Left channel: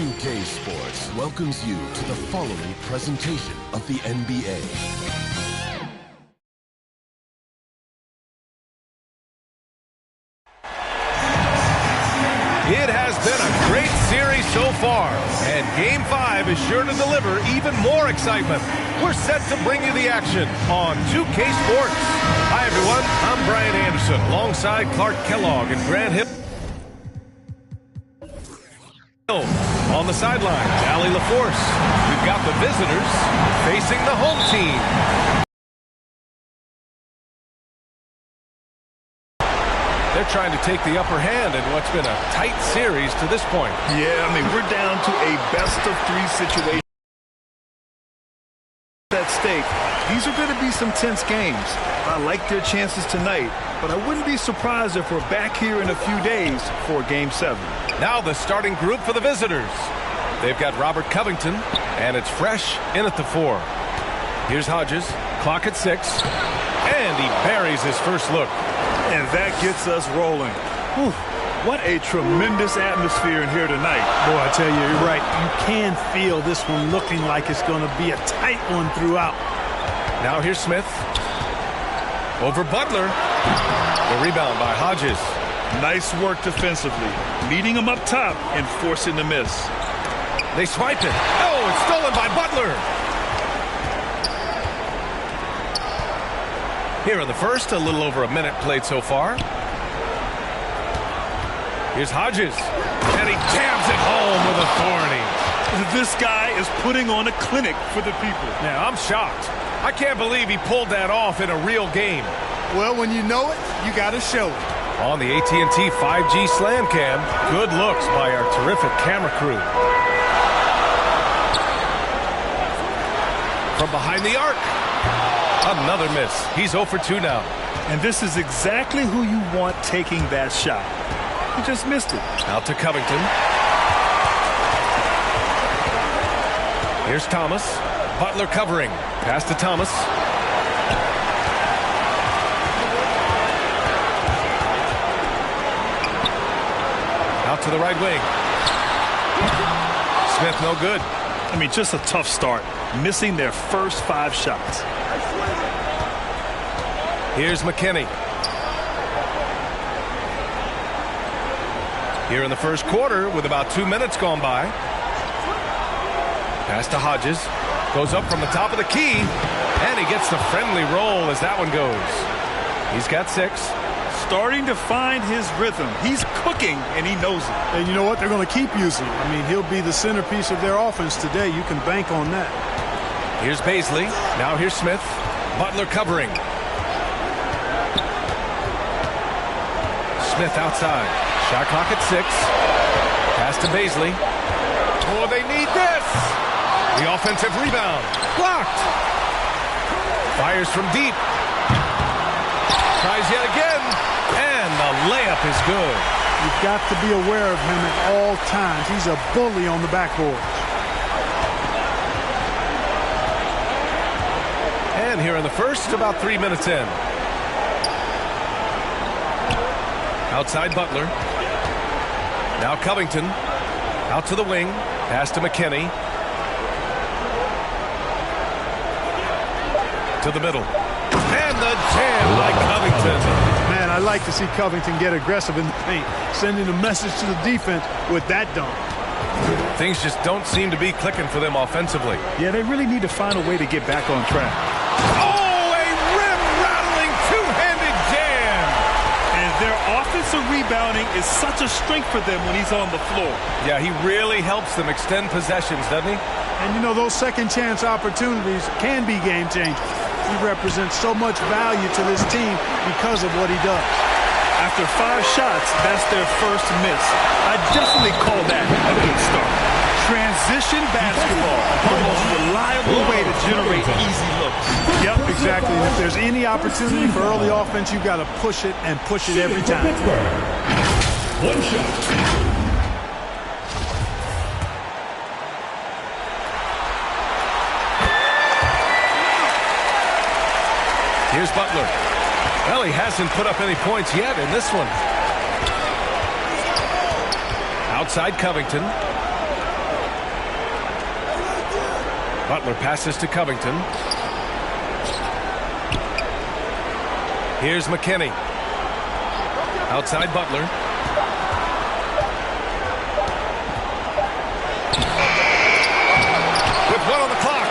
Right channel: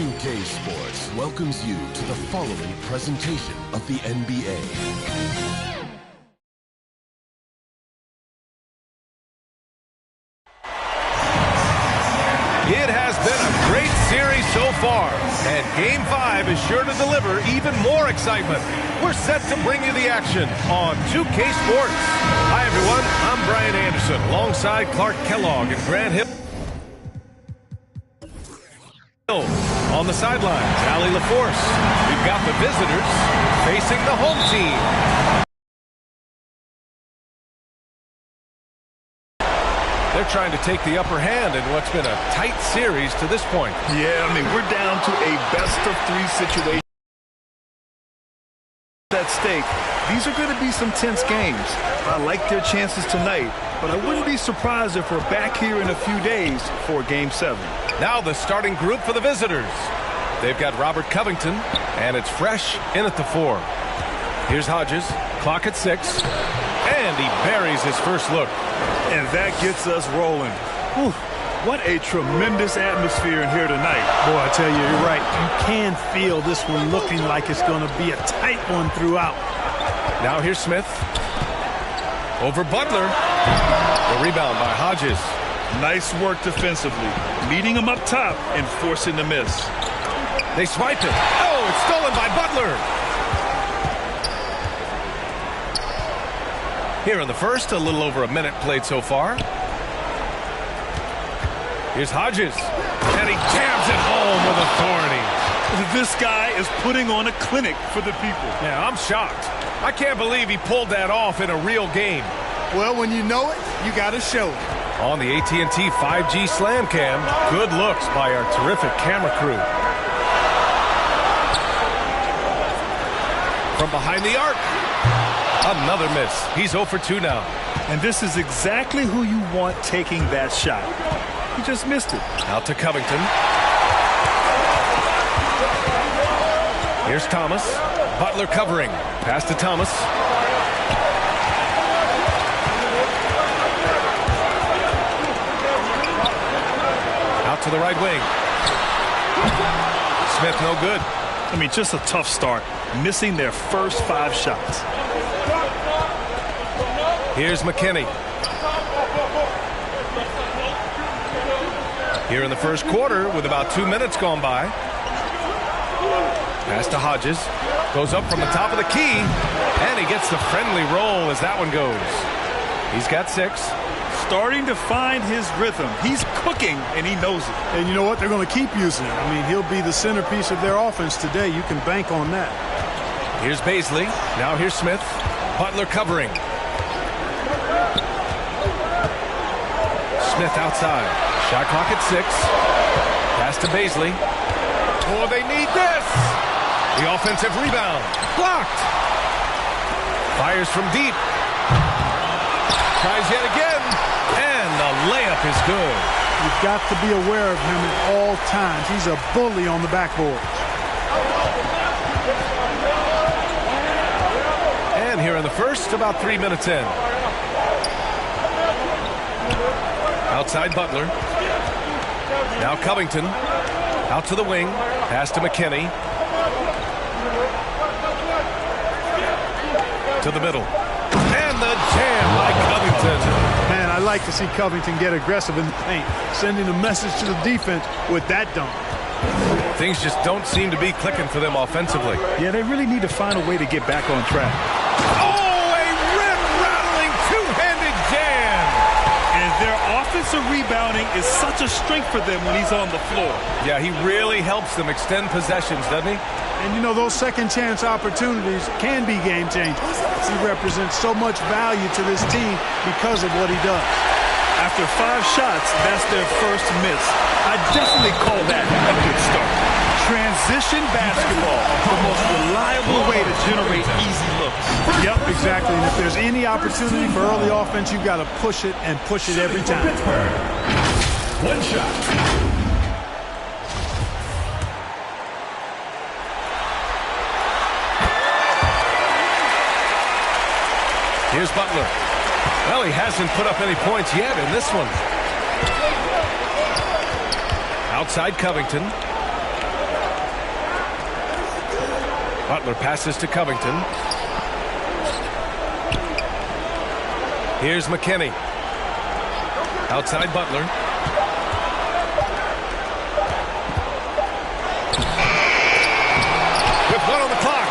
2K Sports welcomes you to the following presentation of the NBA. It has been a great series so far, and Game 5 is sure to deliver even more excitement. We're set to bring you the action on 2K Sports. Hi, everyone. I'm Brian Anderson, alongside Clark Kellogg and Grant Hill. On the sidelines, Allie LaForce. We've got the visitors facing the home team. They're trying to take the upper hand in what's been a tight series to this point. Yeah, I mean, we're down to a best-of-3 situation at stake. These are going to be some tense games. I like their chances tonight, but I wouldn't be surprised if we're back here in a few days for Game 7. Now the starting group for the visitors. They've got Robert Covington, and it's Fresh in at the 4. Here's Hodges, clock at 6, and he buries his first look. And that gets us rolling. Whew, what a tremendous atmosphere in here tonight. Boy, I tell you, you're right. You can feel this one looking like it's going to be a tight one throughout. Now here's Smith. Over Butler. The rebound by Hodges. Nice work defensively. Meeting him up top and forcing the miss. They swipe it. Oh, it's stolen by Butler. Here in the first, a little over a minute played so far. Here's Hodges. And he jams it home with authority. This guy is putting on a clinic for the people. Yeah, I'm shocked. I can't believe he pulled that off in a real game. Well, when you know it, you got to show it. On the AT&T 5G Slam Cam, good looks by our terrific camera crew. From behind the arc. Another miss. He's 0 for 2 now. And this is exactly who you want taking that shot. He just missed it. Out to Covington. Here's Thomas. Butler covering. Pass to Thomas. Out to the right wing. Smith no good. I mean, just a tough start. Missing their first 5 shots. Here's McKinney. Here in the first quarter with about 2 minutes gone by. Pass to Hodges. Goes up from the top of the key. And he gets the friendly roll as that one goes. He's got 6. Starting to find his rhythm. He's cooking, and he knows it. And you know what? They're going to keep using him. I mean, he'll be the centerpiece of their offense today. You can bank on that. Here's Baisley. Now here's Smith. Butler covering. Smith outside. Shot clock at 6. Pass to Baisley. Oh, they need this. The offensive rebound. Blocked. Fires from deep. Tries yet again. And the layup is good. You've got to be aware of him at all times. He's a bully on the backboard. And here in the first, about 3 minutes in. Outside Butler. Now Covington. Out to the wing. Pass to McKinney. To the middle. And the jam by Covington. Man, I like to see Covington get aggressive in the paint, sending a message to the defense with that dunk. Things just don't seem to be clicking for them offensively. Yeah, they really need to find a way to get back on track. Oh, a rim-rattling two-handed jam. And their offensive rebounding is such a strength for them when he's on the floor. Yeah, he really helps them extend possessions, doesn't he? And, you know, those second-chance opportunities can be game-changers. He represents so much value to this team because of what he does. After 5 shots, that's their first miss. I definitely call that a good start. Transition basketball, the most reliable way to generate easy looks. Yep, exactly. And if there's any opportunity for early offense, you've got to push it and push it every time. One shot. Here's Butler. Well, he hasn't put up any points yet in this one. Outside Covington. Butler passes to Covington. Here's McKinney. Outside Butler. With 1 on the clock.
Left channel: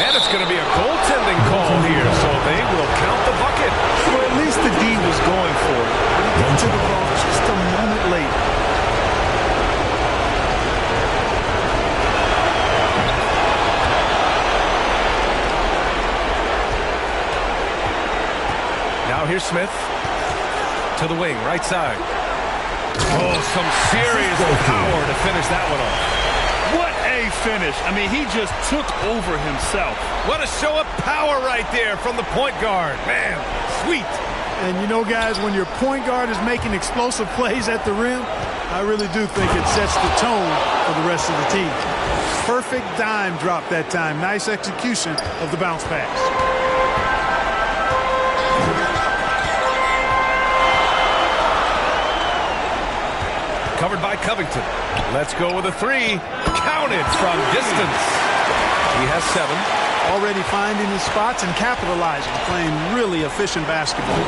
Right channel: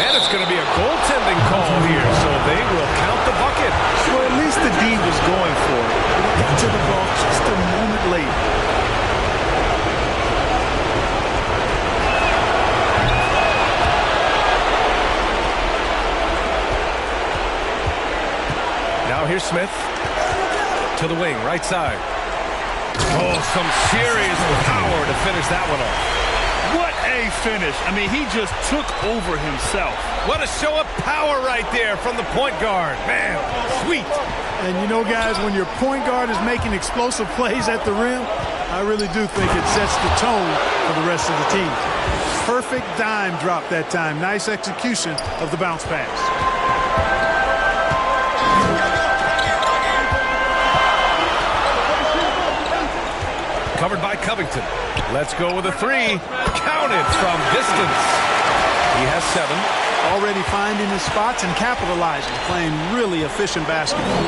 And it's going to be a goaltending call here, so they will count the bucket. Well, at least the D was going for it, but he got to the ball just a moment late. Now here's Smith to the wing, right side. Oh, some serious power to finish that one off. What a finish. I mean, he just took over himself. What a show of power right there from the point guard. Man, sweet. And you know, guys, when your point guard is making explosive plays at the rim, I really do think it sets the tone for the rest of the team. Perfect dime drop that time. Nice execution of the bounce pass. Covered by Covington. Let's go with a 3. Counted from distance. He has 7. Already finding his spots and capitalizing, playing really efficient basketball.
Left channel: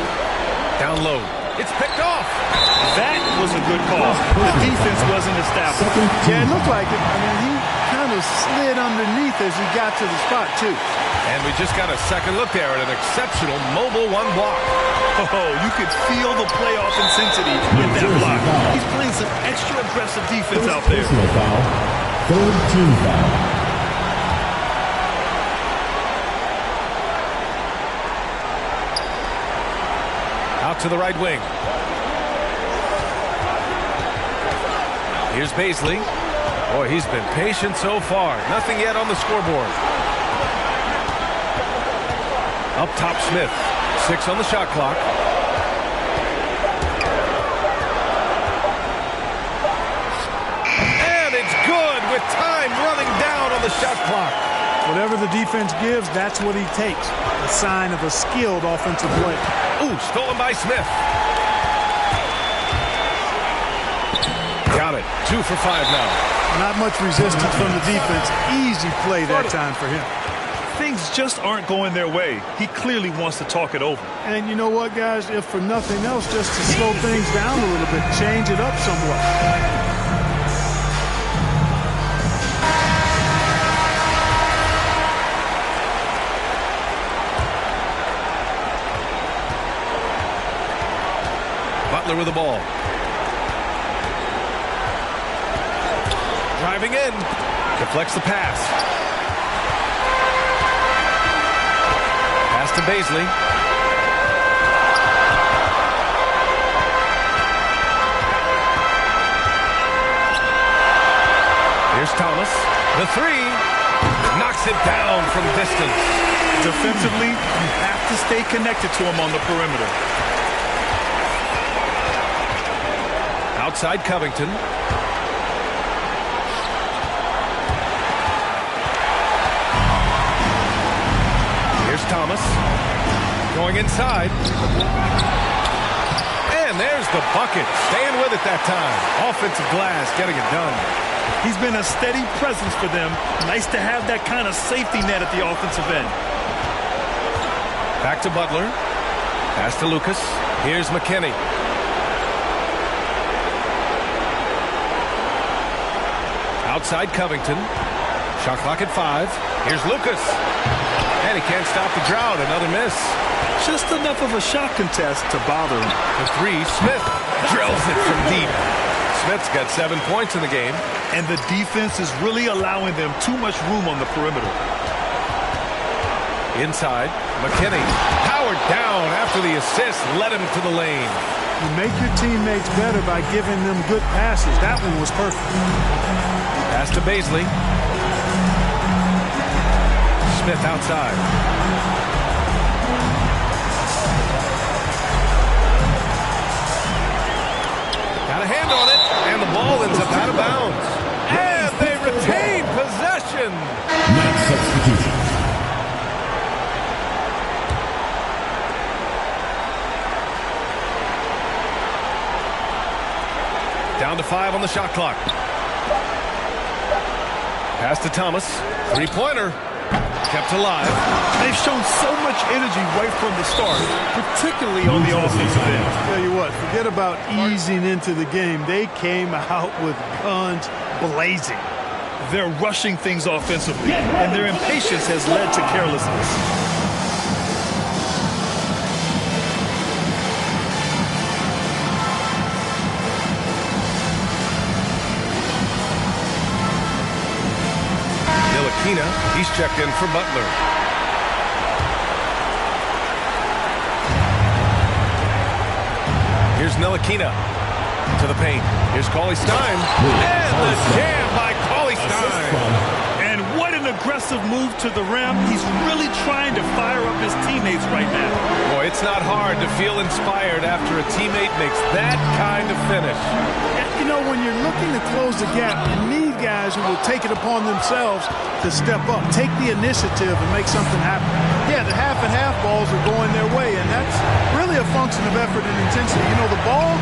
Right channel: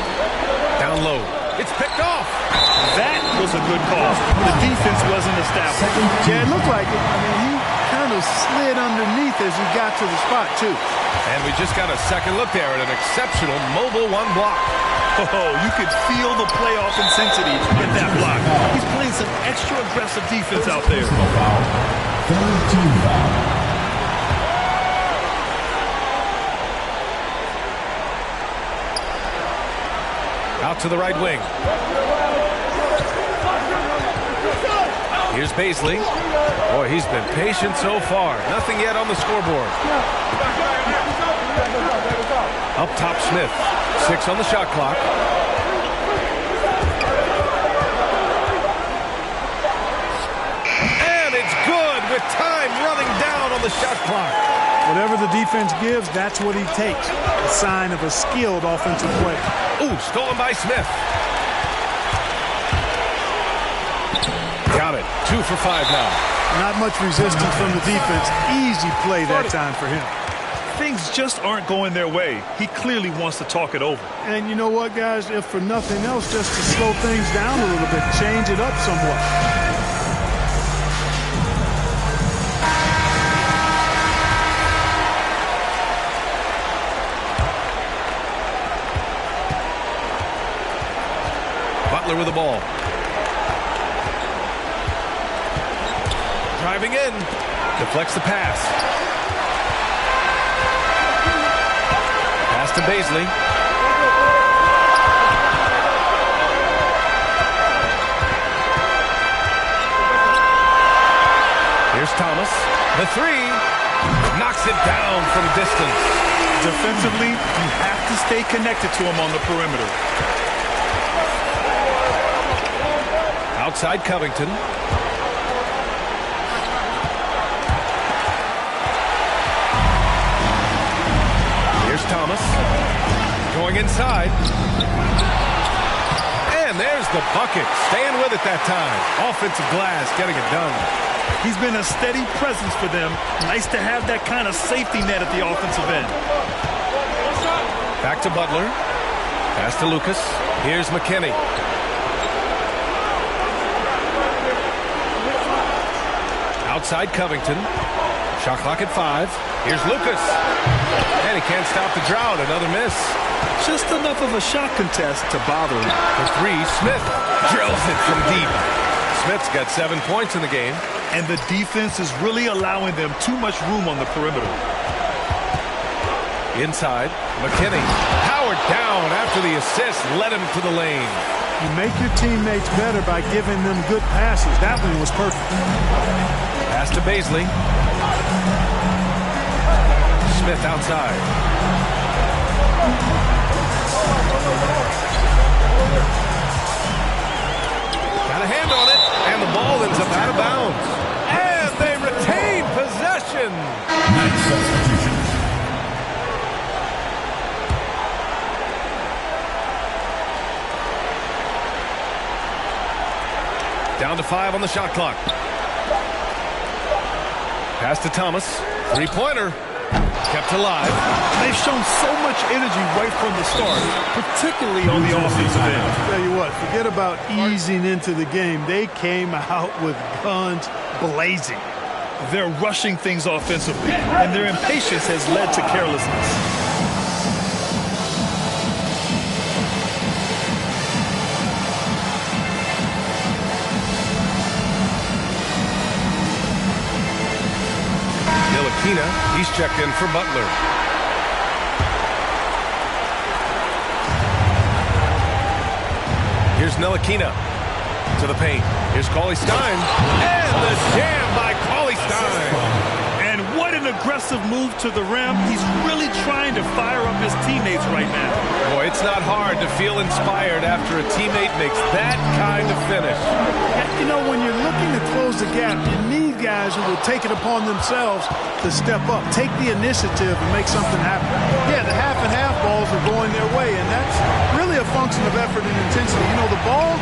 Down low. It's picked off. That was a good call. The defense wasn't established. Yeah, it looked like it. I mean, he kind of slid underneath as he got to the spot, too. And we just got a second look there at an exceptional mobile 1 block. Oh, you could feel the playoff intensity in that block. He's playing some extra aggressive defense out there. Personal foul. Third team foul. Out to the right wing. Here's Bazley. Boy, he's been patient so far. Nothing yet on the scoreboard. Up top, Smith. 6 on the shot clock. And it's good with time running down on the shot clock. Whatever the defense gives, that's what he takes. A sign of a skilled offensive player. Ooh, stolen by Smith. Got it. 2 for 5 now. Not much resistance from the defense. Easy play that time for him. Things just aren't going their way. He clearly wants to talk it over. And you know what, guys? If for nothing else, just to slow things down a little bit, change it up somewhat. Butler with the ball. Driving in. Deflects the pass. Pass to Bazley. Here's Thomas. The 3. Knocks it down from distance. Defensively, you have to stay connected to him on the perimeter. Outside Covington. Here's Thomas. Going inside. And there's the bucket. Staying with it that time. Offensive glass getting it done. He's been a steady presence for them. Nice to have that kind of safety net at the offensive end. Back to Butler. Pass to Lucas. Here's McKinney. Outside Covington. Shot clock at 5. Here's Lucas. And he can't stop the drought. Another miss. Just enough of a shot contest to bother him. The 3. Smith drills it from deep. Smith's got 7 points in the game. And the defense is really allowing them too much room on the perimeter. Inside, McKinney. Powered down after the assist. Led him to the lane. You make your teammates better by giving them good passes. That one was perfect. Pass to Bazley. Smith outside. Got a hand on it, and the ball ends up out of bounds. And they retain possession. Next substitution. Down to 5 on the shot clock. Pass to Thomas. 3-pointer. Kept alive. They've shown so much energy right from the start, particularly on the offensive end. Tell you what, forget about easing into the game. They came out with guns blazing. They're rushing things offensively, and their impatience has led to carelessness. Ntilikina, he's checked in for Butler. Here's Ntilikina to the paint. Here's Cauley-Stein. And the jam by Cauley-Stein. And what an aggressive move to the rim. He's really trying to fire up his teammates right now. Boy, it's not hard to feel inspired after a teammate makes that kind of finish. You know, when you're looking to close the gap, you need guys who will take it upon themselves to step up, take the initiative and make something happen. Yeah, the half and half balls are going their way, and that's really a function of effort and intensity. You know, the ball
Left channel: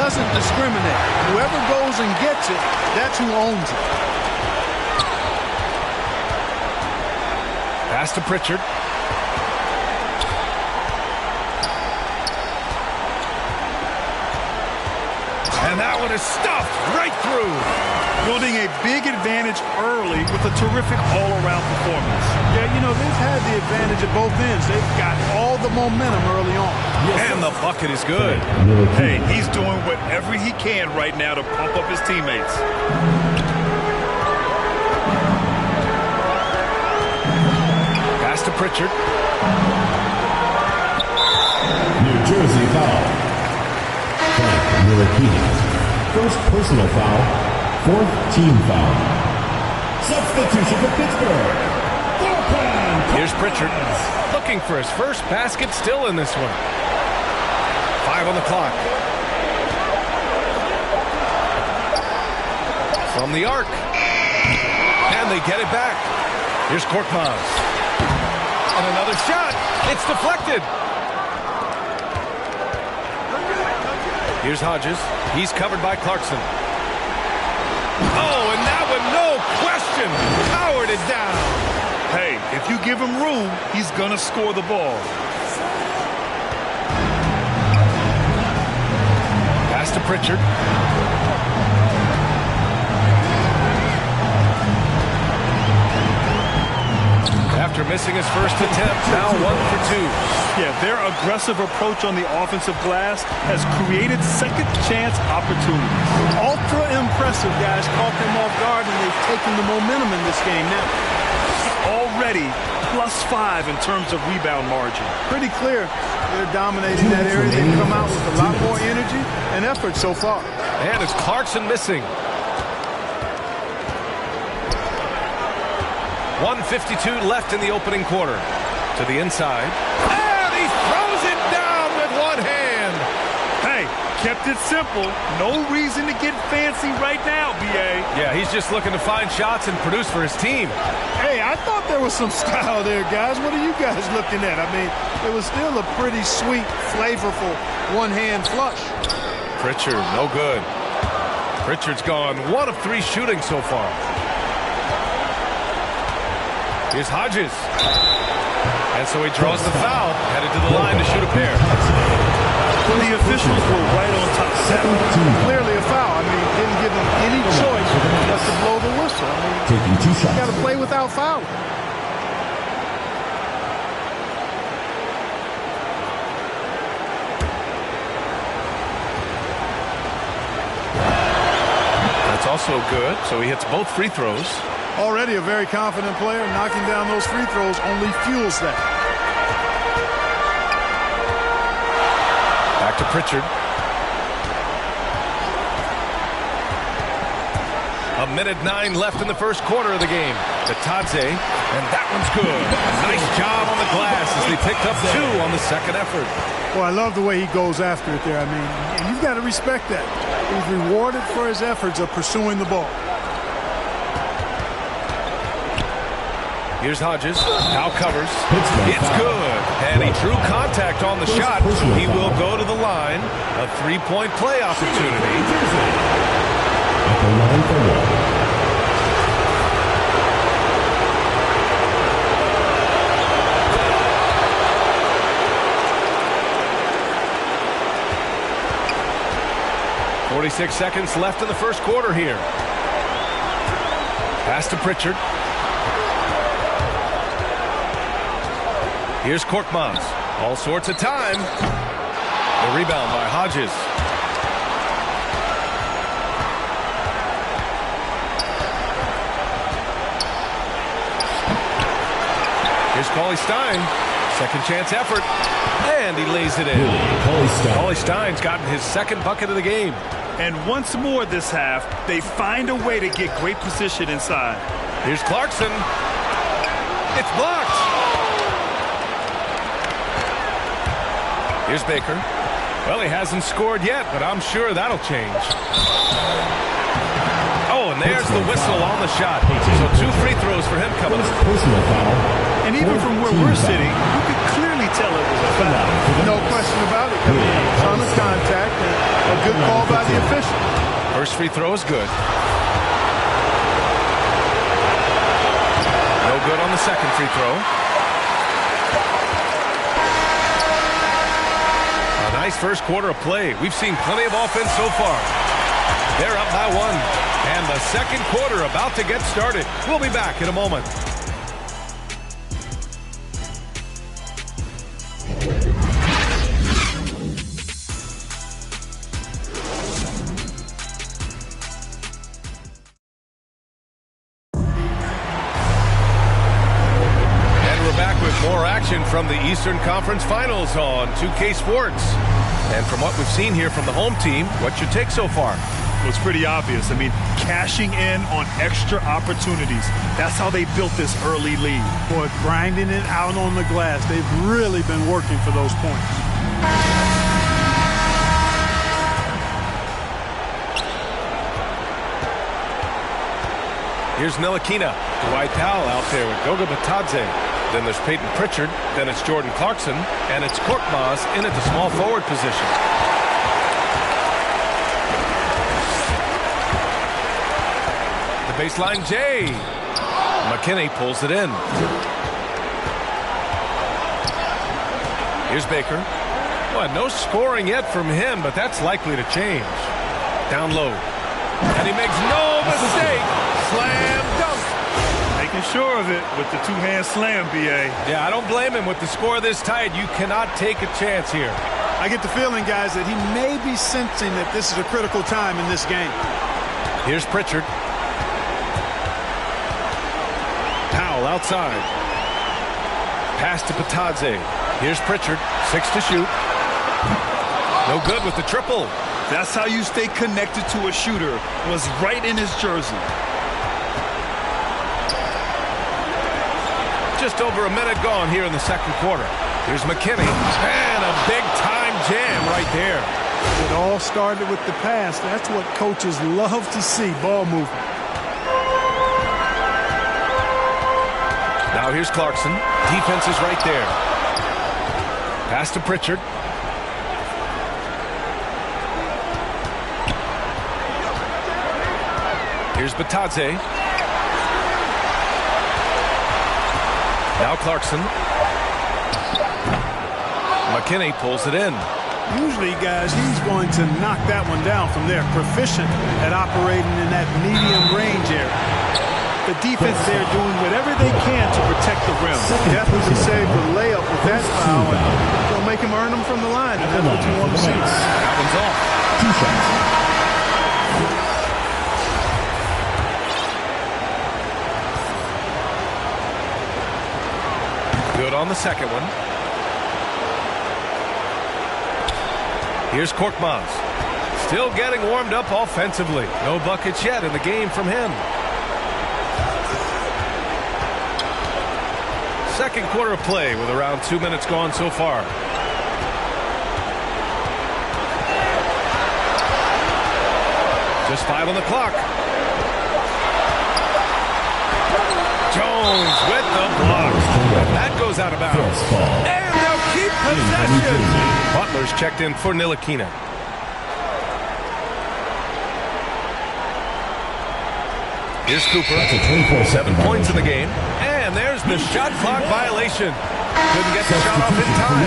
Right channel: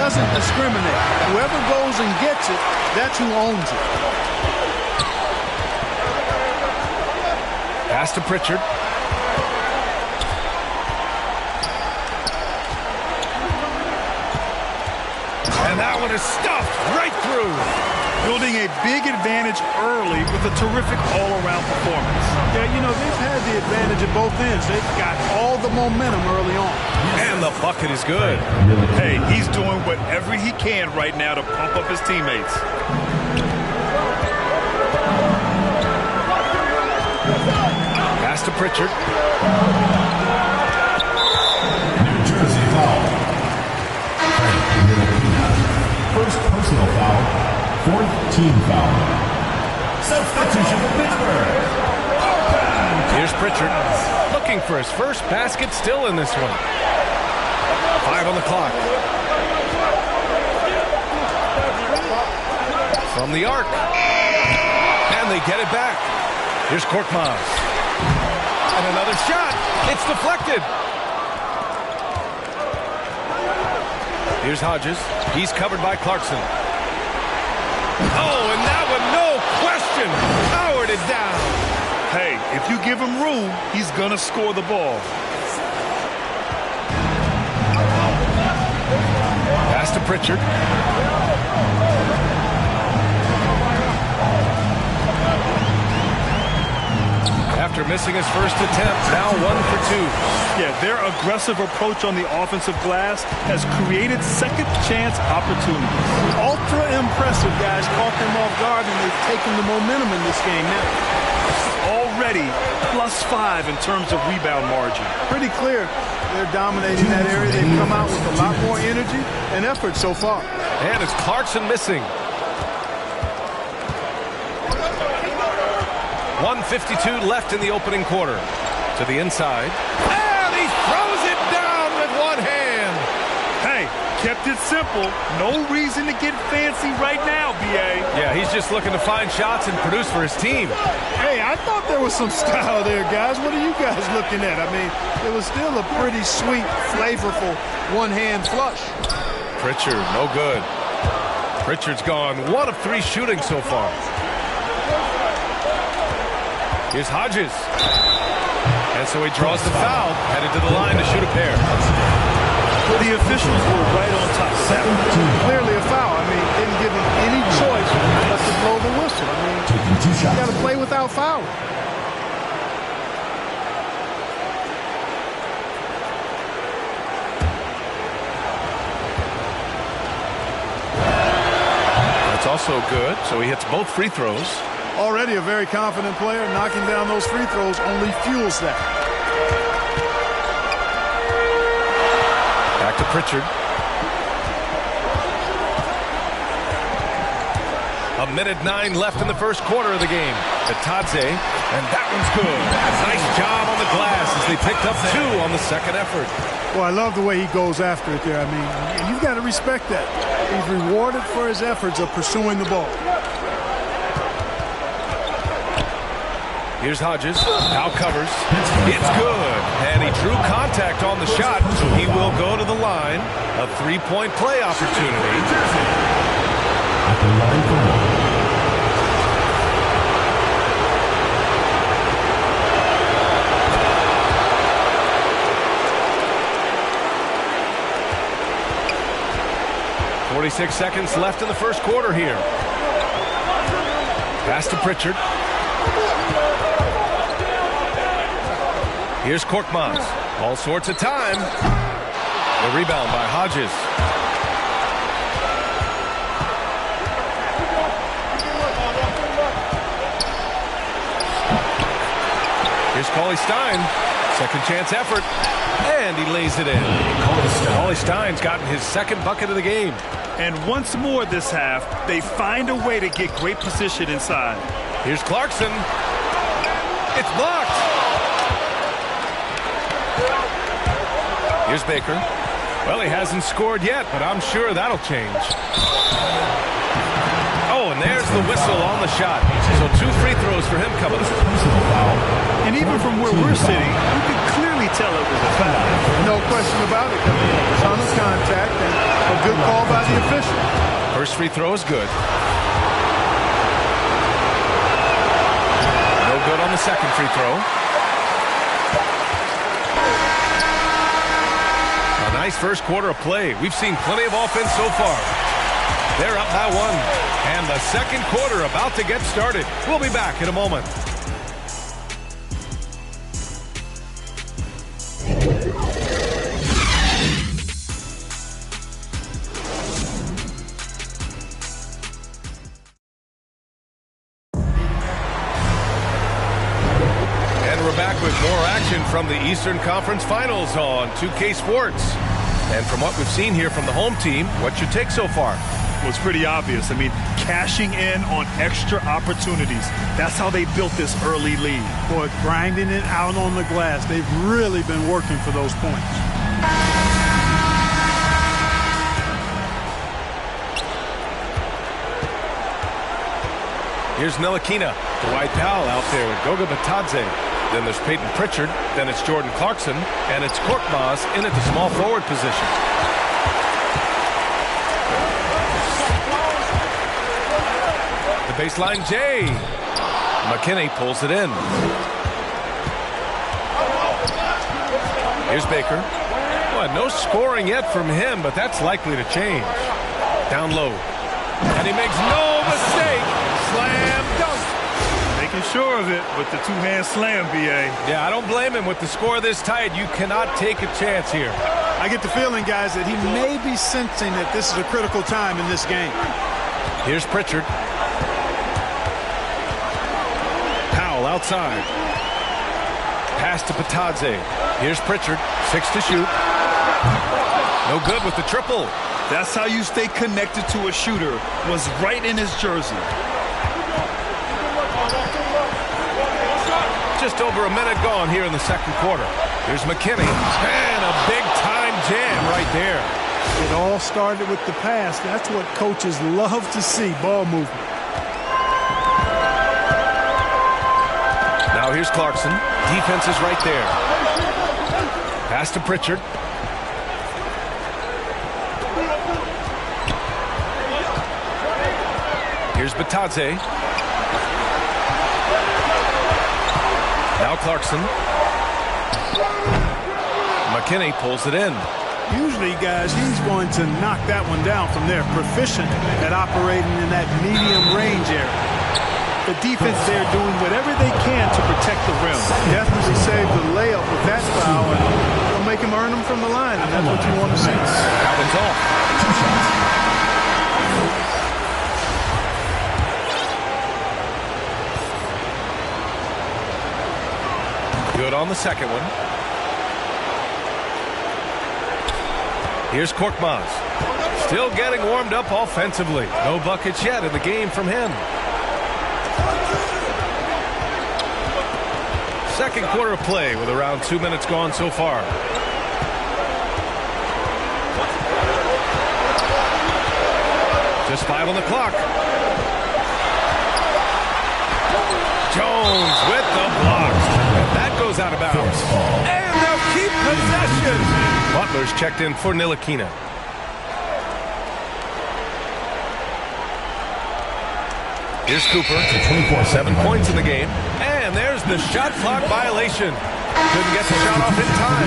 doesn't discriminate. Whoever goes and gets it, that's who owns it. Pass to Pritchard. And that one is stuffed right through. Building a big advantage early with a terrific all-around performance. Yeah, you know, they've had the advantage at both ends. They've got all the momentum early on. And the bucket is good. Hey, he's doing whatever he can right now to pump up his teammates. Pass to Pritchard. New Jersey foul. Ntilikina. First personal foul. Fourth team foul. Substitution for Pittsburgh. Here's Pritchard. Looking for his first basket still in this one. 5 on the clock. From the arc. And they get it back. Here's Korkmaz. And another shot. It's deflected. Here's Hodges. He's covered by Clarkson. Oh, and that one, no question, powered it down. Hey, if you give him room, he's going to score the ball. Pass to Pritchard. After missing his first attempt, now 1 for 2. Yeah, their aggressive approach on the offensive glass has created second chance opportunities. Ultra impressive, guys. Caught them off guard, and they've taken the momentum in this game now. Already +5 in terms of rebound margin. Pretty clear they're dominating that area. They've come out with a lot more energy and effort so far. And it's Clarkson missing. 1:52 left in the opening quarter. To the inside. And he throws it down with one hand. Hey, kept it simple. No reason to get fancy right now, B.A. Yeah, he's just looking to find shots and produce for his team. Hey, I thought there was some style there, guys. What are you guys looking at? I mean, it was still a pretty sweet, flavorful one-hand flush. Pritchard, no good. Pritchard's gone 1 of 3 shooting so far. Here's Hodges. And so he draws the foul, headed to the line to shoot a pair. The officials were right on top of that one. Clearly a foul. I mean, didn't give him any choice but to blow the whistle. I mean, Taking 2 shots. you got to play without fouling. That's also good, so he hits both free throws. Already a very confident player. Knocking down those free throws only fuels that. Back to Pritchard. A minute 9 left in the first quarter of the game. To Tadze, and that one's good. A nice job on the glass as they picked up 2 on the second effort. Well, I love the way he goes after it there. I mean, and you've got to respect that. He's rewarded for his efforts of pursuing the ball. Here's Hodges. Now covers. It's good. And he drew contact on the shot, so he will go to the line. A 3-point play opportunity. At the line for 46 seconds left in the first quarter here. Pass to Pritchard. Here's Korkmaz. All sorts of time. The rebound by Hodges. Here's Cauley-Stein. Second chance effort. And he lays it in. Cauley-Stein's gotten his second bucket of the game. And once more this half, they find a way to get great position inside. Here's Clarkson. It's blocked. Here's Baker. Well, he hasn't scored yet, but I'm sure that'll change. Oh, and there's the whistle on the shot. So 2 free throws for him coming up. Personal foul. And even from where we're sitting, you could clearly tell it was a foul. No question about it. I mean, a ton of contact and a good call by the official. First free throw is good. No good on the second free throw. A nice first quarter of play. We've seen plenty of offense so far. They're up by 1. And the second quarter about to get started. We'll be back in a moment. And we're back with more action from the Eastern Conference Finals on 2K Sports. And from what we've seen here from the home team, what's your take so far? Well, it's pretty obvious. I mean, cashing in on extra opportunities. That's how they built this early lead. Boy, grinding it out on the glass. They've really been working for those points. Here's Ntilikina. Dwight Powell out there with Goga Bitadze. Then there's Peyton Pritchard. Then it's Jordan Clarkson. And it's Korkmaz in at the small forward position. The baseline J. McKinney pulls it in. Here's Baker. Well, no scoring yet from him, but that's likely to change. Down low. And he makes no mistake. Slam dunk. Making sure of it with the two-hand slam, B.A. Yeah, I don't blame him. With the score this tight, you cannot take a chance here. I get the feeling, guys, that he may be sensing that this is a critical time in this game. Here's Pritchard. Powell outside. Pass to Bitadze. Here's Pritchard. 6 to shoot. No good with the triple. That's how you stay connected to a shooter. Was right in his jersey. Just over a minute gone here in the second quarter. Here's McKinney. And a big-time jam right there. It all started with the pass. That's what coaches love to see, ball movement. Now here's Clarkson. Defense is right there. Pass to Pritchard. Here's Bitadze. Now Clarkson. McKinney pulls it in. Usually, guys, he's going to knock that one down from there. Proficient at operating in that medium range area. The defense there doing whatever they can to protect the rim. Definitely saved the layup with that foul, and they'll make him earn them from the line, and that's what you want to see. That one's off. 2 shots. Good on the second one. Here's Korkmaz. Still getting warmed up offensively. No buckets yet in the game from him. Second quarter of play with around 2 minutes gone so far. Just 5 on the clock. Jones with the block. And that goes out of bounds. And they'll keep possession. Butler's checked in for Ntilikina. Here's Cooper. 7 points in the game. And there's the shot clock violation. Couldn't get the shot off in time.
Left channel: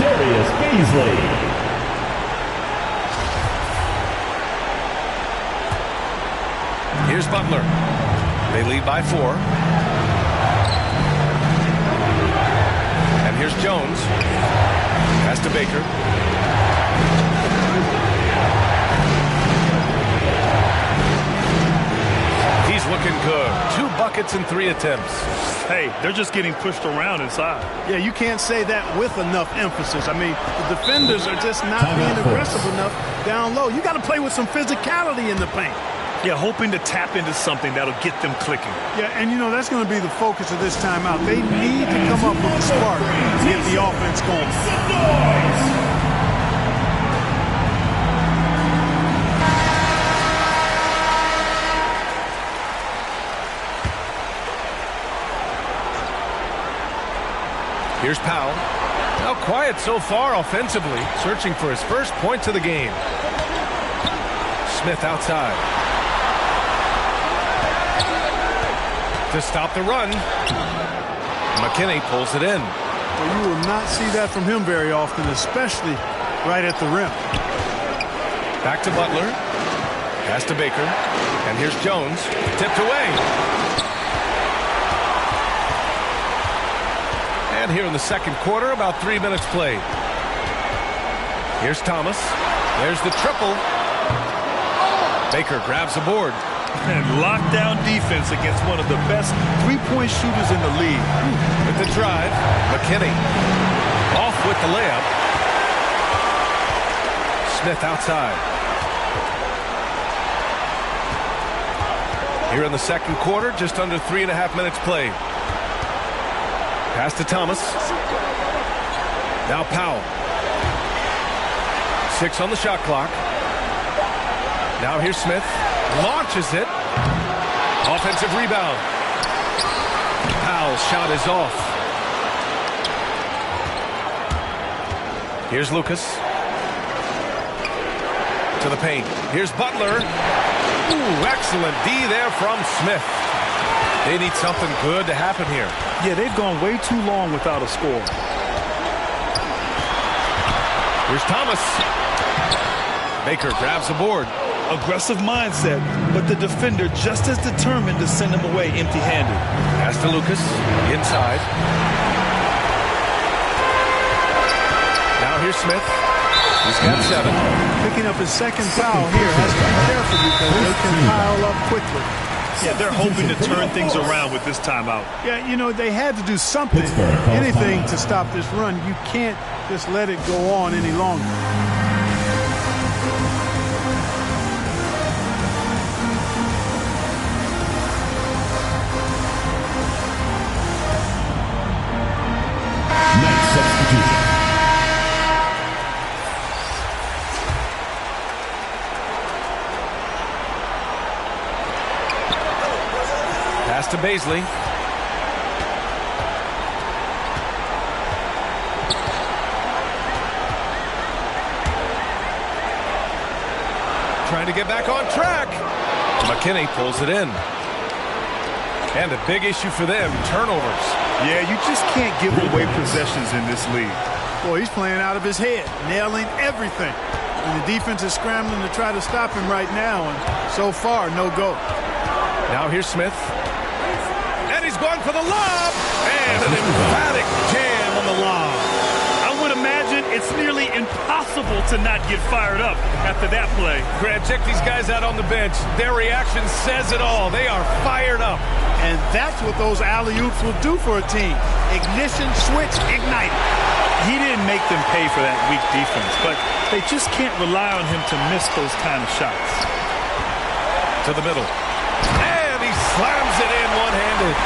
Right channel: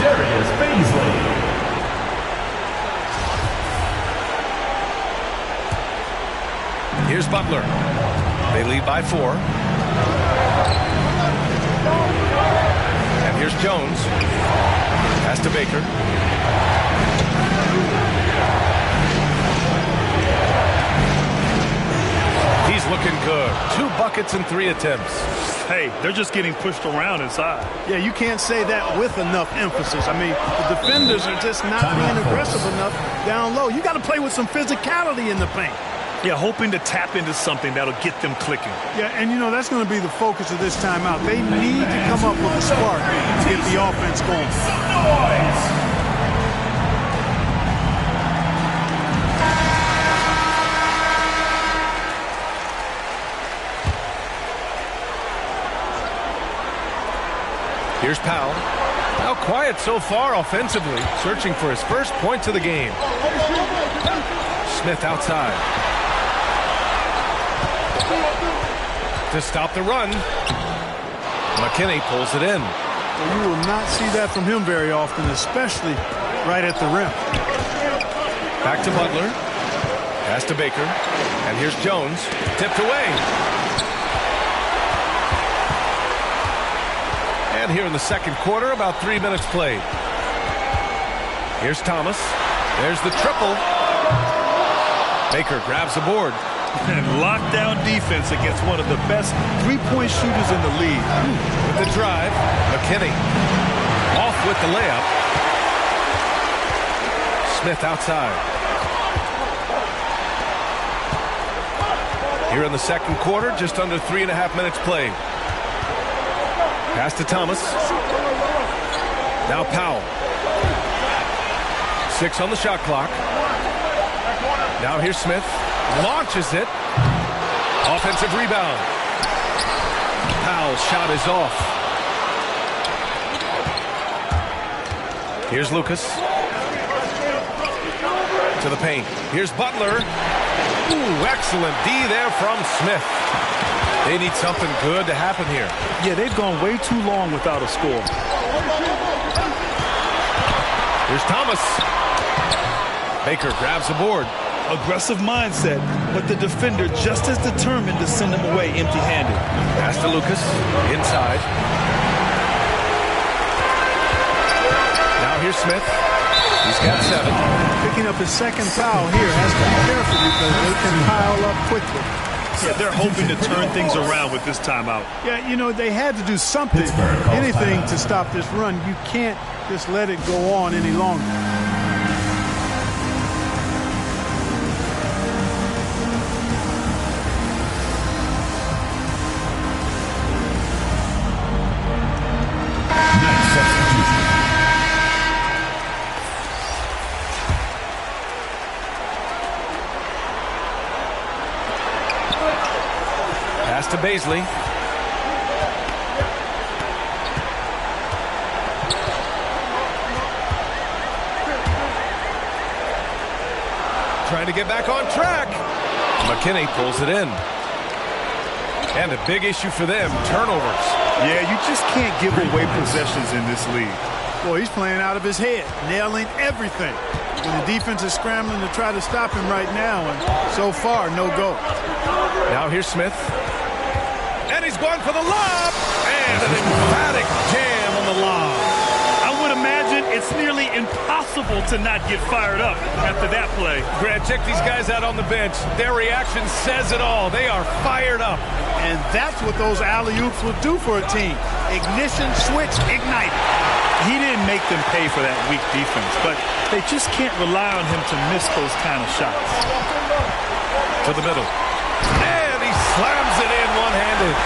Darius Bazley. Here's Butler. They lead by 4. And here's Jones. Pass to Baker. He's looking good. 2 buckets in 3 attempts. Hey, they're just getting pushed around inside. Yeah, you can't say that with enough emphasis. I mean, the defenders are just not being aggressive enough down low. You got to play with some physicality in the paint. Yeah, hoping to tap into something that'll get them clicking. Yeah, and you know, that's going to be the focus of this timeout. They need to come up with a spark to get the offense going. Here's Powell. Now quiet so far offensively, searching for his first points of the game. Smith outside. To stop the run. McKinney pulls it in. Well, you will not see that from him very often, especially right at the rim. Back to Butler. Pass to Baker. And here's Jones. Tipped away. And here in the second quarter, about 3 minutes played. Here's Thomas. There's the triple. Baker grabs the board. And lockdown defense against one of the best three-point shooters in the league. With the drive, McKinney. Off with the layup. Smith outside. Here in the second quarter, just under 3.5 minutes played. Pass to Thomas. Now Powell. 6 on the shot clock. Now here's Smith. Launches it. Offensive rebound. Powell's shot is off. Here's Lucas. To the paint. Here's Butler. Ooh, excellent D there from Smith. They need something good to happen here. Yeah, they've gone way too long without a score. Here's Thomas. Baker grabs the board. Aggressive mindset, but the defender just as determined to send him away empty-handed. Pass to Lucas. Inside. Now here's Smith. He's got 7. Picking up his second foul here. Has to be careful because they can pile up quickly. Yeah, they're hoping to turn things around with this timeout. Yeah, you know, they had to do something, anything to stop this run. You can't just let it go on any longer. Pass to Baisley. Trying to get back on track. McKinney pulls it in. And a big issue for them, turnovers. Yeah, you just can't give away possessions in this league. Boy, he's playing out of his head, nailing everything. And the defense is scrambling to try to stop him right now, and so far, no go. Now here's Smith. And he's going for the lob. And an emphatic jam on the lob. I would imagine it's nearly impossible to not get fired up after that play. Grant, check these guys out on the bench. Their reaction says it all. They are fired up. And that's what those alley-oops will do for a team. Ignition switch ignited. He didn't make them pay for that weak defense, but they just can't rely on him to miss those kind of shots. To the middle. And he slams it in one-handed.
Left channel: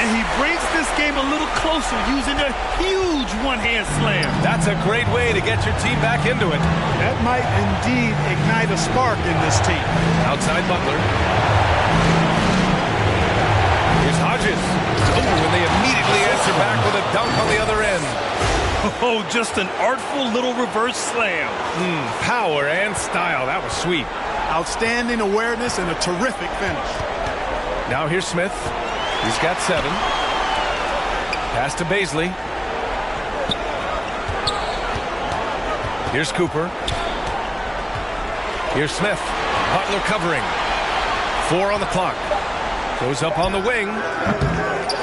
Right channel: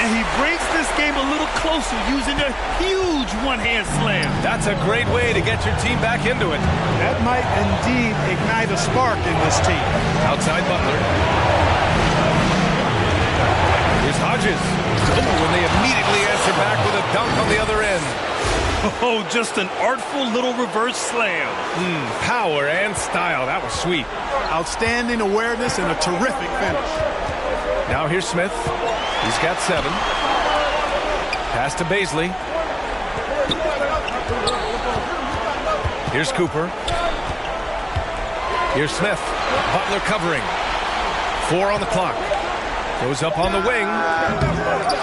And he brings this game a little closer using a huge one-hand slam. That's a great way to get your team back into it. That might indeed ignite a spark in this team. Outside Butler. Here's Hodges. Oh, and they immediately answer back with a dunk on the other end. Oh, just an artful little reverse slam. Power and style. That was sweet. Outstanding awareness and a terrific finish. Now here's Smith. He's got 7. Pass to Baisley. Here's Cooper. Here's Smith. Butler covering. 4 on the clock. Goes up on the wing.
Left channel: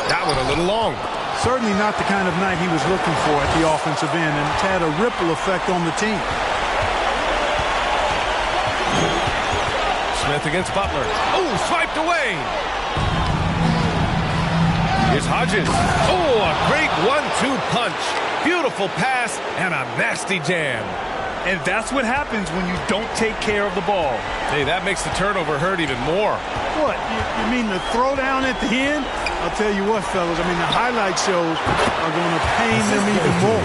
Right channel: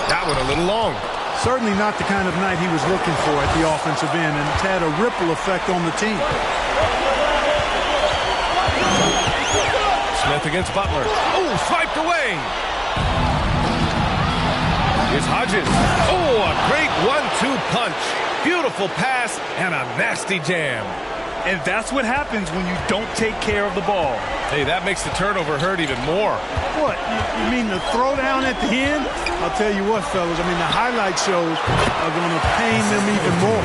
That one a little long. Certainly not the kind of night he was looking for at the offensive end, and it's had a ripple effect on the team. Smith against Butler. Oh, swiped away. Here's Hodges. Oh, a great 1-2 punch. Beautiful pass and a nasty jam. And that's what happens when you don't take care of the ball. Hey, that makes the turnover hurt even more. What, you mean the throwdown at the end? I'll tell you what, fellas, I mean, the highlight shows are going to pain them even more.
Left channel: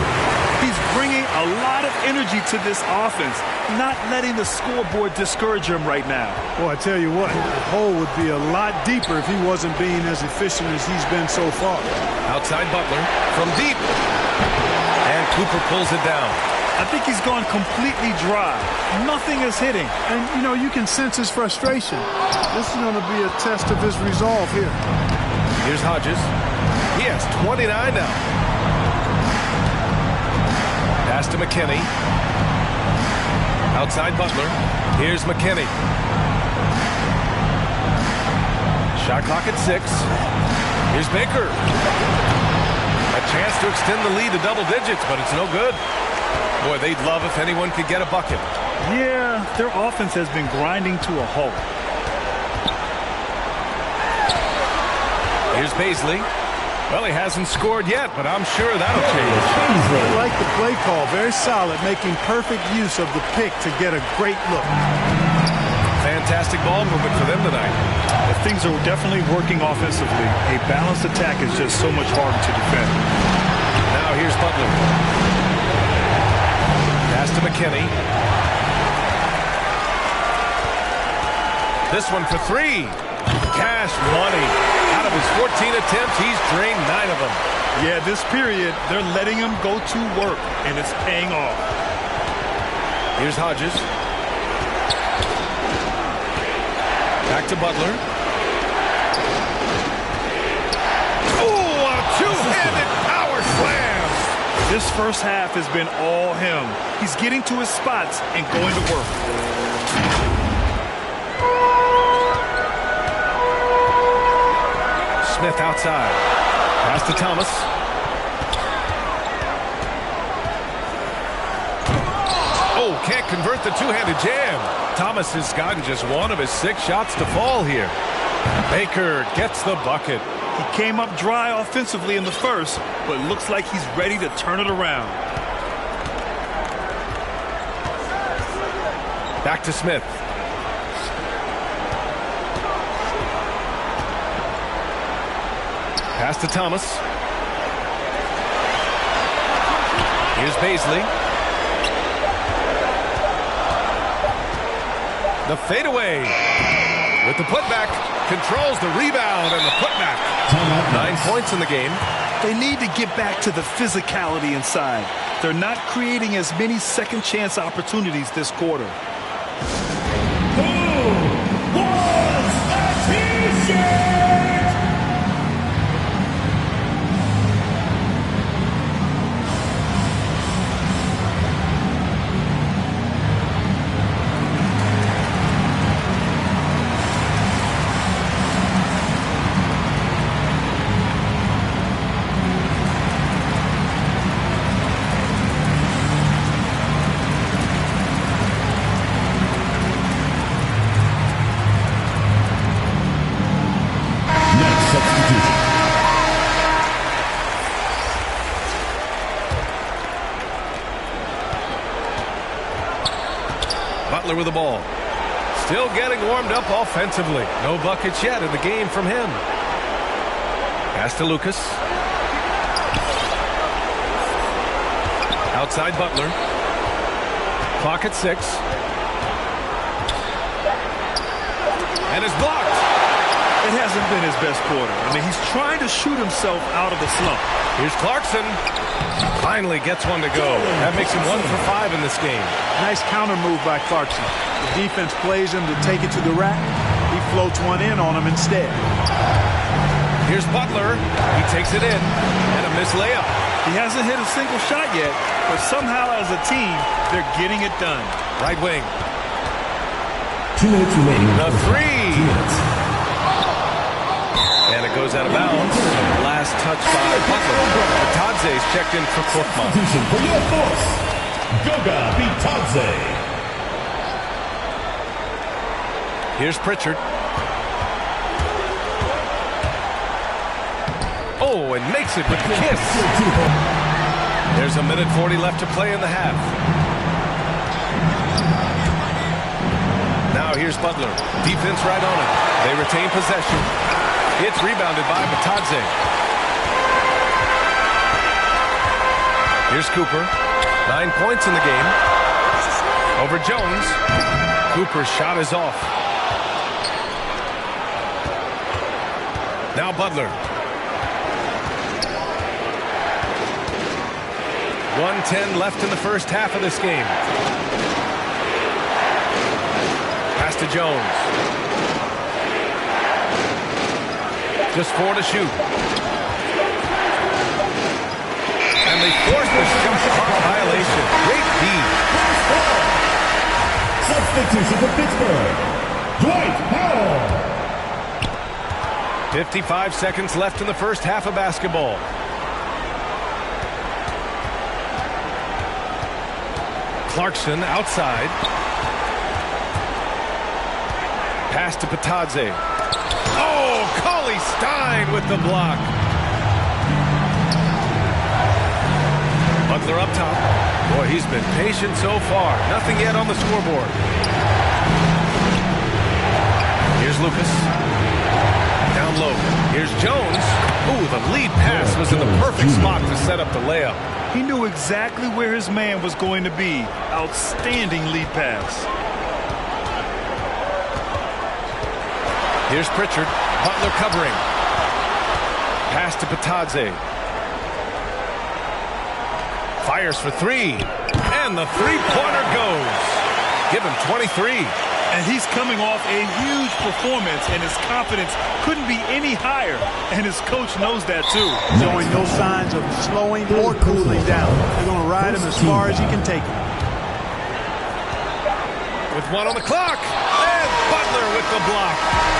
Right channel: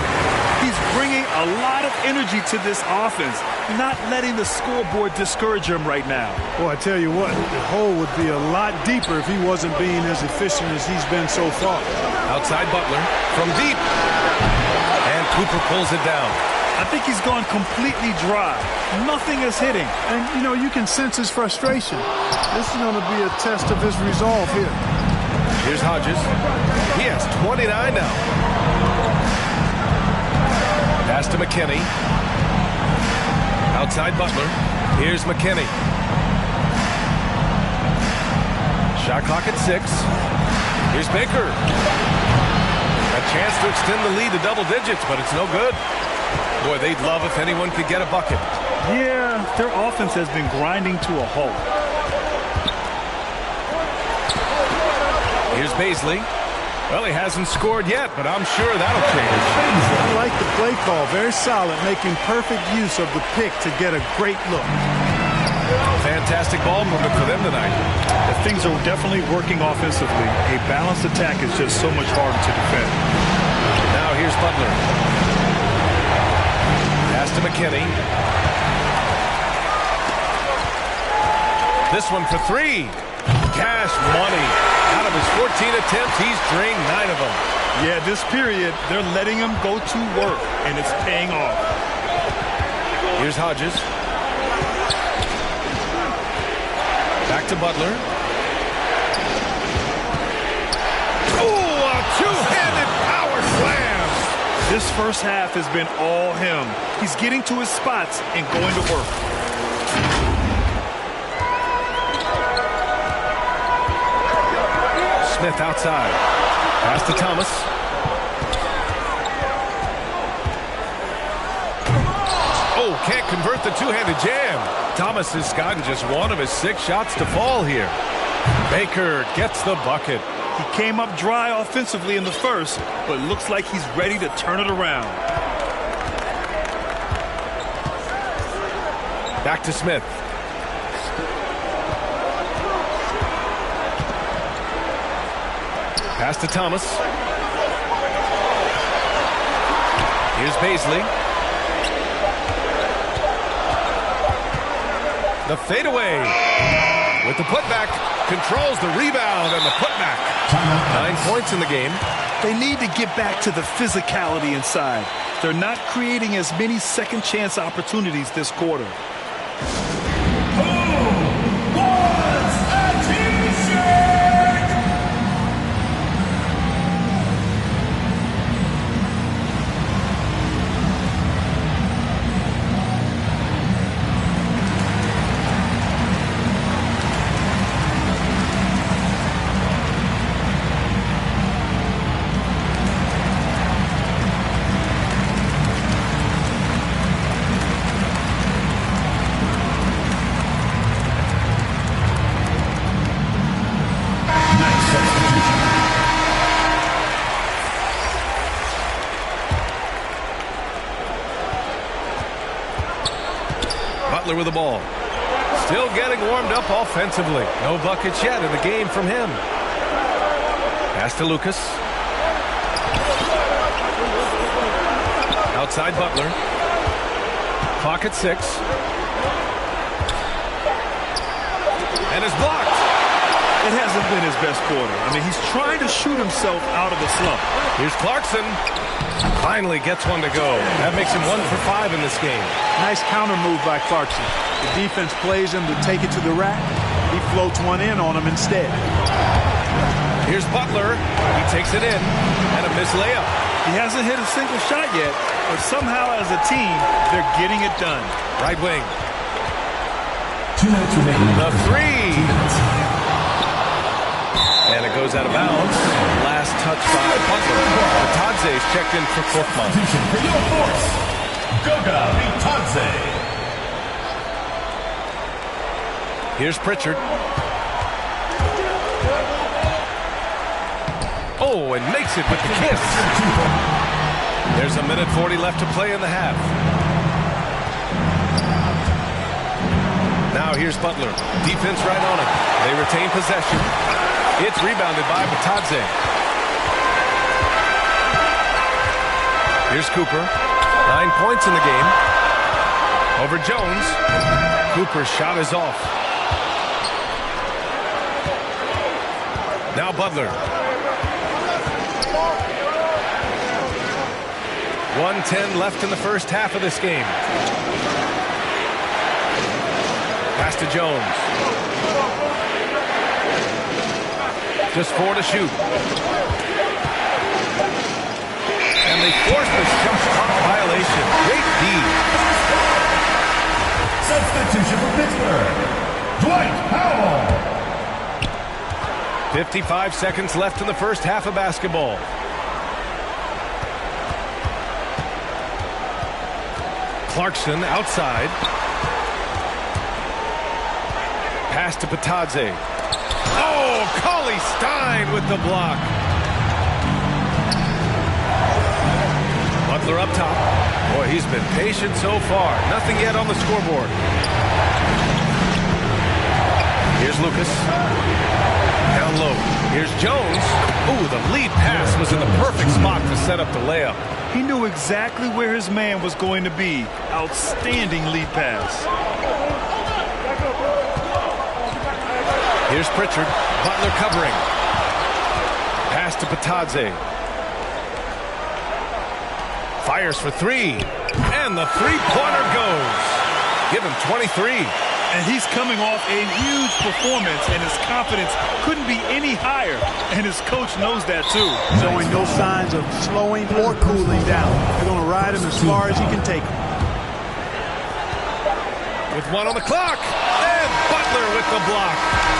He's bringing a lot of energy to this offense, not letting the scoreboard discourage him right now. Boy, I tell you what, the hole would be a lot deeper if he wasn't being as efficient as he's been so far. Outside Butler from deep. And Cooper pulls it down. I think he's gone completely dry. Nothing is hitting. And, you know, you can sense his frustration. This is going to be a test of his resolve here. Here's Hodges. He has 29 now. Pass to McKinney. Outside Butler. Here's McKinney. Shot clock at 6. Here's Baker. A chance to extend the lead to double digits, but it's no good. Boy, they'd love if anyone could get a bucket. Yeah, their offense has been grinding to a halt. Here's Baisley. Well, he hasn't scored yet, but I'm sure that'll change. I like the play call. Very solid, making perfect use of the pick to get a great look. Fantastic ball movement for them tonight. Things are definitely working offensively. A balanced attack is just so much harder to defend. Now here's Butler. Pass to McKinney. This one for 3. Cash money. Out of his 14 attempts, he's drained 9 of them. Yeah, this period, they're letting him go to work, and it's paying off. Here's Hodges. Back to Butler. Oh, a two-handed power slam. This first half has been all him. He's getting to his spots and going to work. Smith outside. Pass to Thomas. Oh, can't convert the two-handed jam. Thomas has gotten just 1 of his 6 shots to fall here. Baker gets the bucket. He came up dry offensively in the first, but looks like he's ready to turn it around. Back to Smith. Pass to Thomas. Here's Baisley. The fadeaway with the putback. Controls the rebound and the putback. 9 points in the game. They need to get back to the physicality inside. They're not creating as many second chance opportunities this quarter. Who wants a t-shirt? Butler with the ball. Still getting warmed up offensively. No buckets yet in the game from him. Pass to Lucas. Outside Butler. Clock at 6. And it's blocked. It hasn't been his best quarter. I mean, he's trying to shoot himself out of the slump. Here's Clarkson. Finally gets one to go. That makes him 1 for 5 in this game. Nice counter move by Clarkson. The defense plays him to take it to the rack. He floats one in on him instead. Here's Butler. He takes it in. And a missed layup. He hasn't hit a single shot yet, but somehow as a team, they're getting it done. Right wing. 2 minutes remaining. The three. 2 minutes. And it goes out of bounds. Last touch by Butler. Bitadze's checked in for Korkmaz. Substitution for your force. Goga Bitadze. Here's Pritchard. Oh, and makes it with the kiss. There's 1:40 left to play in the half. Now here's Butler. Defense right on it. They retain possession. It's rebounded by Bitadze. Here's Cooper. 9 points in the game. Over Jones. Cooper's shot is off. Now Butler. 1:10 left in the first half of this game. Pass to Jones. Just 4 to shoot. And they force the shot clock violation. Great D. Substitution for Pittsburgh. Dwight Powell. 55 seconds left in the first half of basketball. Clarkson outside. Pass to Bitadze. Oh, Cauley Stein with the block. Butler up top. Boy, he's been patient so far. Nothing yet on the scoreboard. Here's Lucas. Down low. Here's Jones. Ooh, the lead pass was in the perfect spot to set up the layup. He knew exactly where his man was going to be. Outstanding lead pass. Here's Pritchard. Butler covering. Pass to Bitadze. Fires for three. And the three-pointer goes. Give him 23. And he's coming off a huge performance, and his confidence couldn't be any higher. And his coach knows that, too. Showing no signs of slowing or cooling down. They're going to ride him as far as he can take him. With 1 on the clock. And Butler with the block.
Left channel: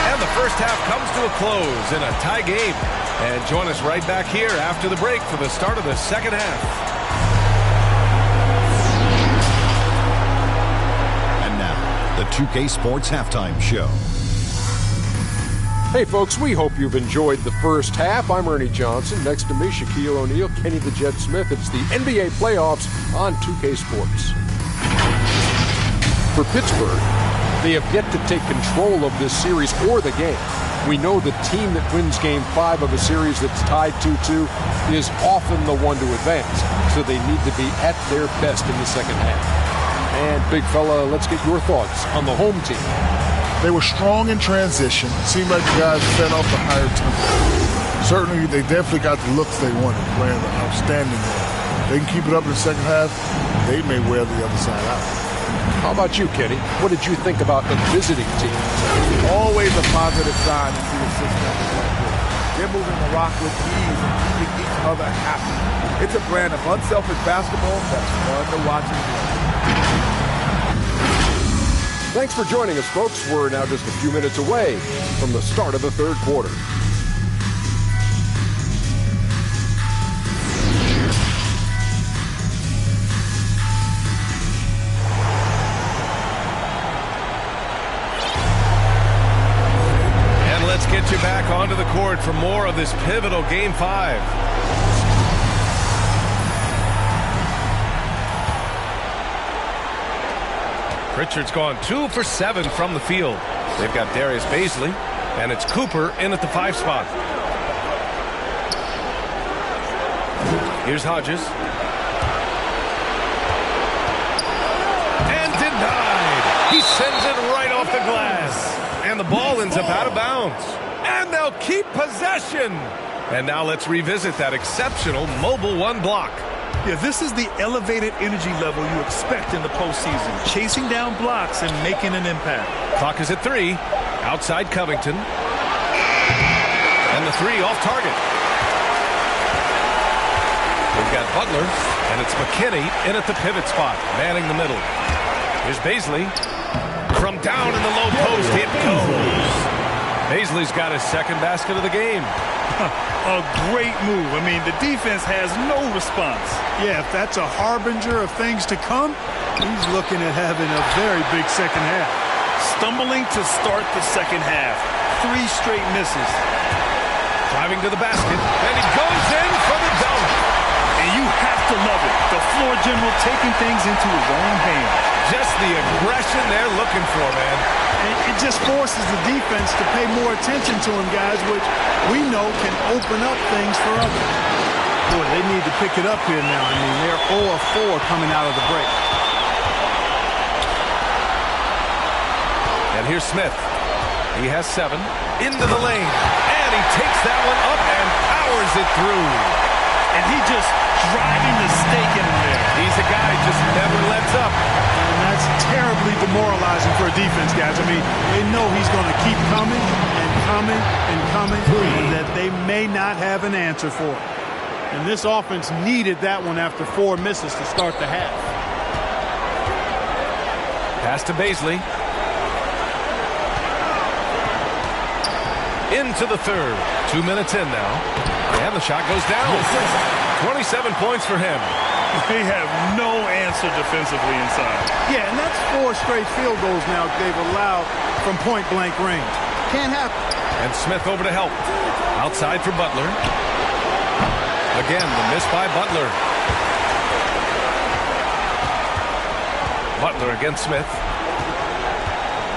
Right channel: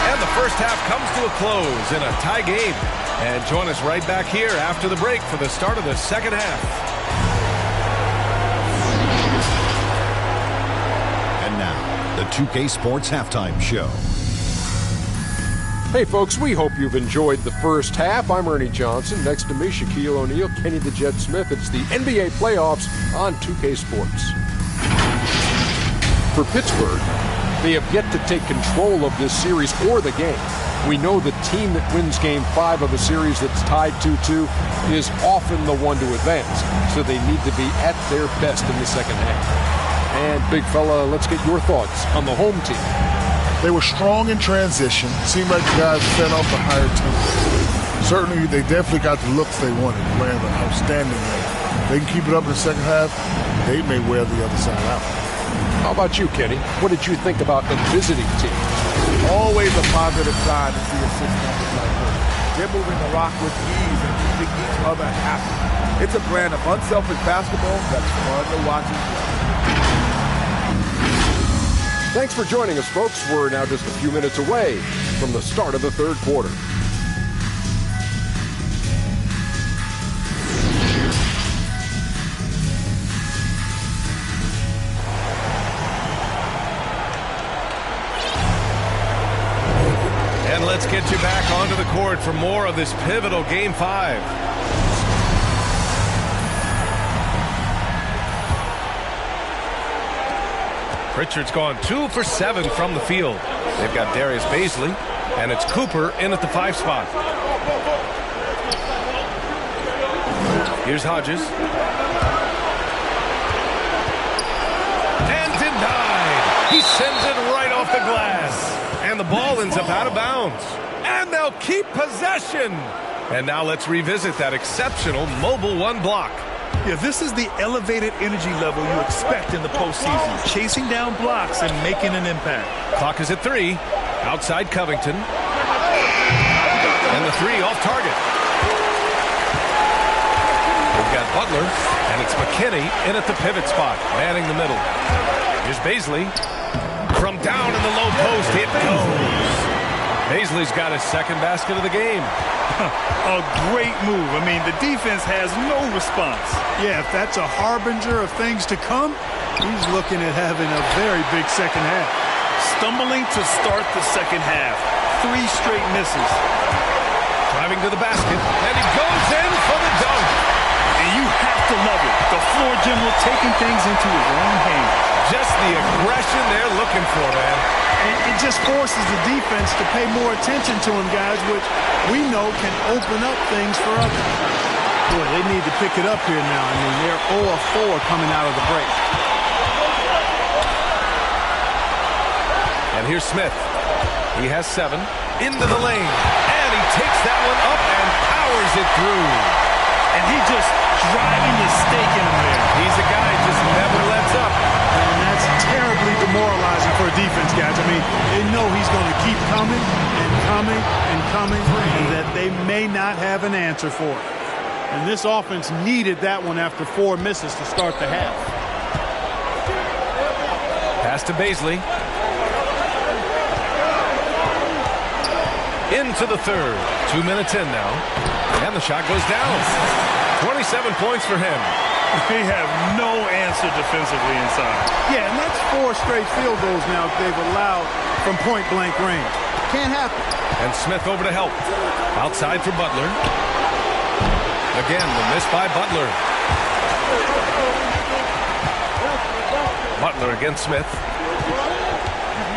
And the first half comes to a close in a tie game. And join us right back here after the break for the start of the second half. And now, the 2K Sports Halftime Show. Hey folks, we hope you've enjoyed the first half. I'm Ernie Johnson. Next to me, Shaquille O'Neal, Kenny the Jet Smith. It's the NBA playoffs on 2K Sports. For Pittsburgh, they have yet to take control of this series or the game. We know the team that wins Game 5 of a series that's tied 2-2 is often the one to advance, so they need to be at their best in the second half. And big fella, let's get your thoughts on the home team. They were strong in transition. Seemed like the guys fed off the higher tempo. Certainly, they definitely got the looks they wanted, playing an outstanding game. If they can keep it up in the second half, they may wear the other side out. How about you, Kenny? What did you think about the visiting team? Always a positive sign to see assist numbers like this. They're moving the rock with ease and keeping each other happy. It's a brand of unselfish basketball that's fun to watch and play. Thanks for joining us, folks. We're now just a few minutes away from the start of the third quarter. And let's get you back onto the court for more of this pivotal Game 5. Pritchard's gone 2 for 7 from the field. They've got Darius Bazley, and it's Cooper in at the 5 spot. Here's Hodges. And denied. He sends it right off the glass. And the ball ends up out of bounds. And they'll keep possession. And now let's revisit that exceptional Mobile One block. Yeah, this is the elevated energy level you expect in the postseason. Chasing down blocks and making an impact. Clock is at 3. Outside Covington. And the 3 off target. We've got Butler, and it's McKinney in at the pivot spot, manning the middle. Here's Bazley. From down in the low post, it goes. Bazley's got his second basket of the game. A great move. I mean, the defense has no response. Yeah, if that's a harbinger of things to come, he's looking at having a very big second half. Stumbling to start the second half. 3 straight misses. Driving to the basket, and he goes in for the dunk. And you have to love it. The floor general taking things into his own hands. Just the aggression they're looking for, man. It just forces the defense to pay more attention to him, guys, which we know can open up things for others. Boy, they need to pick it up here now. I mean, they're 0 of 4 coming out of the break. And here's Smith. He has 7. Into the lane. And he takes that one up and powers it through. And he just driving the stake in him there. He's a guy who just never lets up. And that's terribly demoralizing for a defense, guys. I mean, they know he's going to keep coming and coming and coming, and that they may not have an answer for it. And this offense needed that one after 4 misses to start the half. Pass to Bazley. Into the third. 2 minutes in now. And the shot goes down. 27 points for him. They have no answer defensively inside. Yeah, and that's 4 straight field goals now they've allowed from point-blank range. Can't happen. And Smith over to help. Outside for Butler. Again, the miss by Butler. Butler against Smith.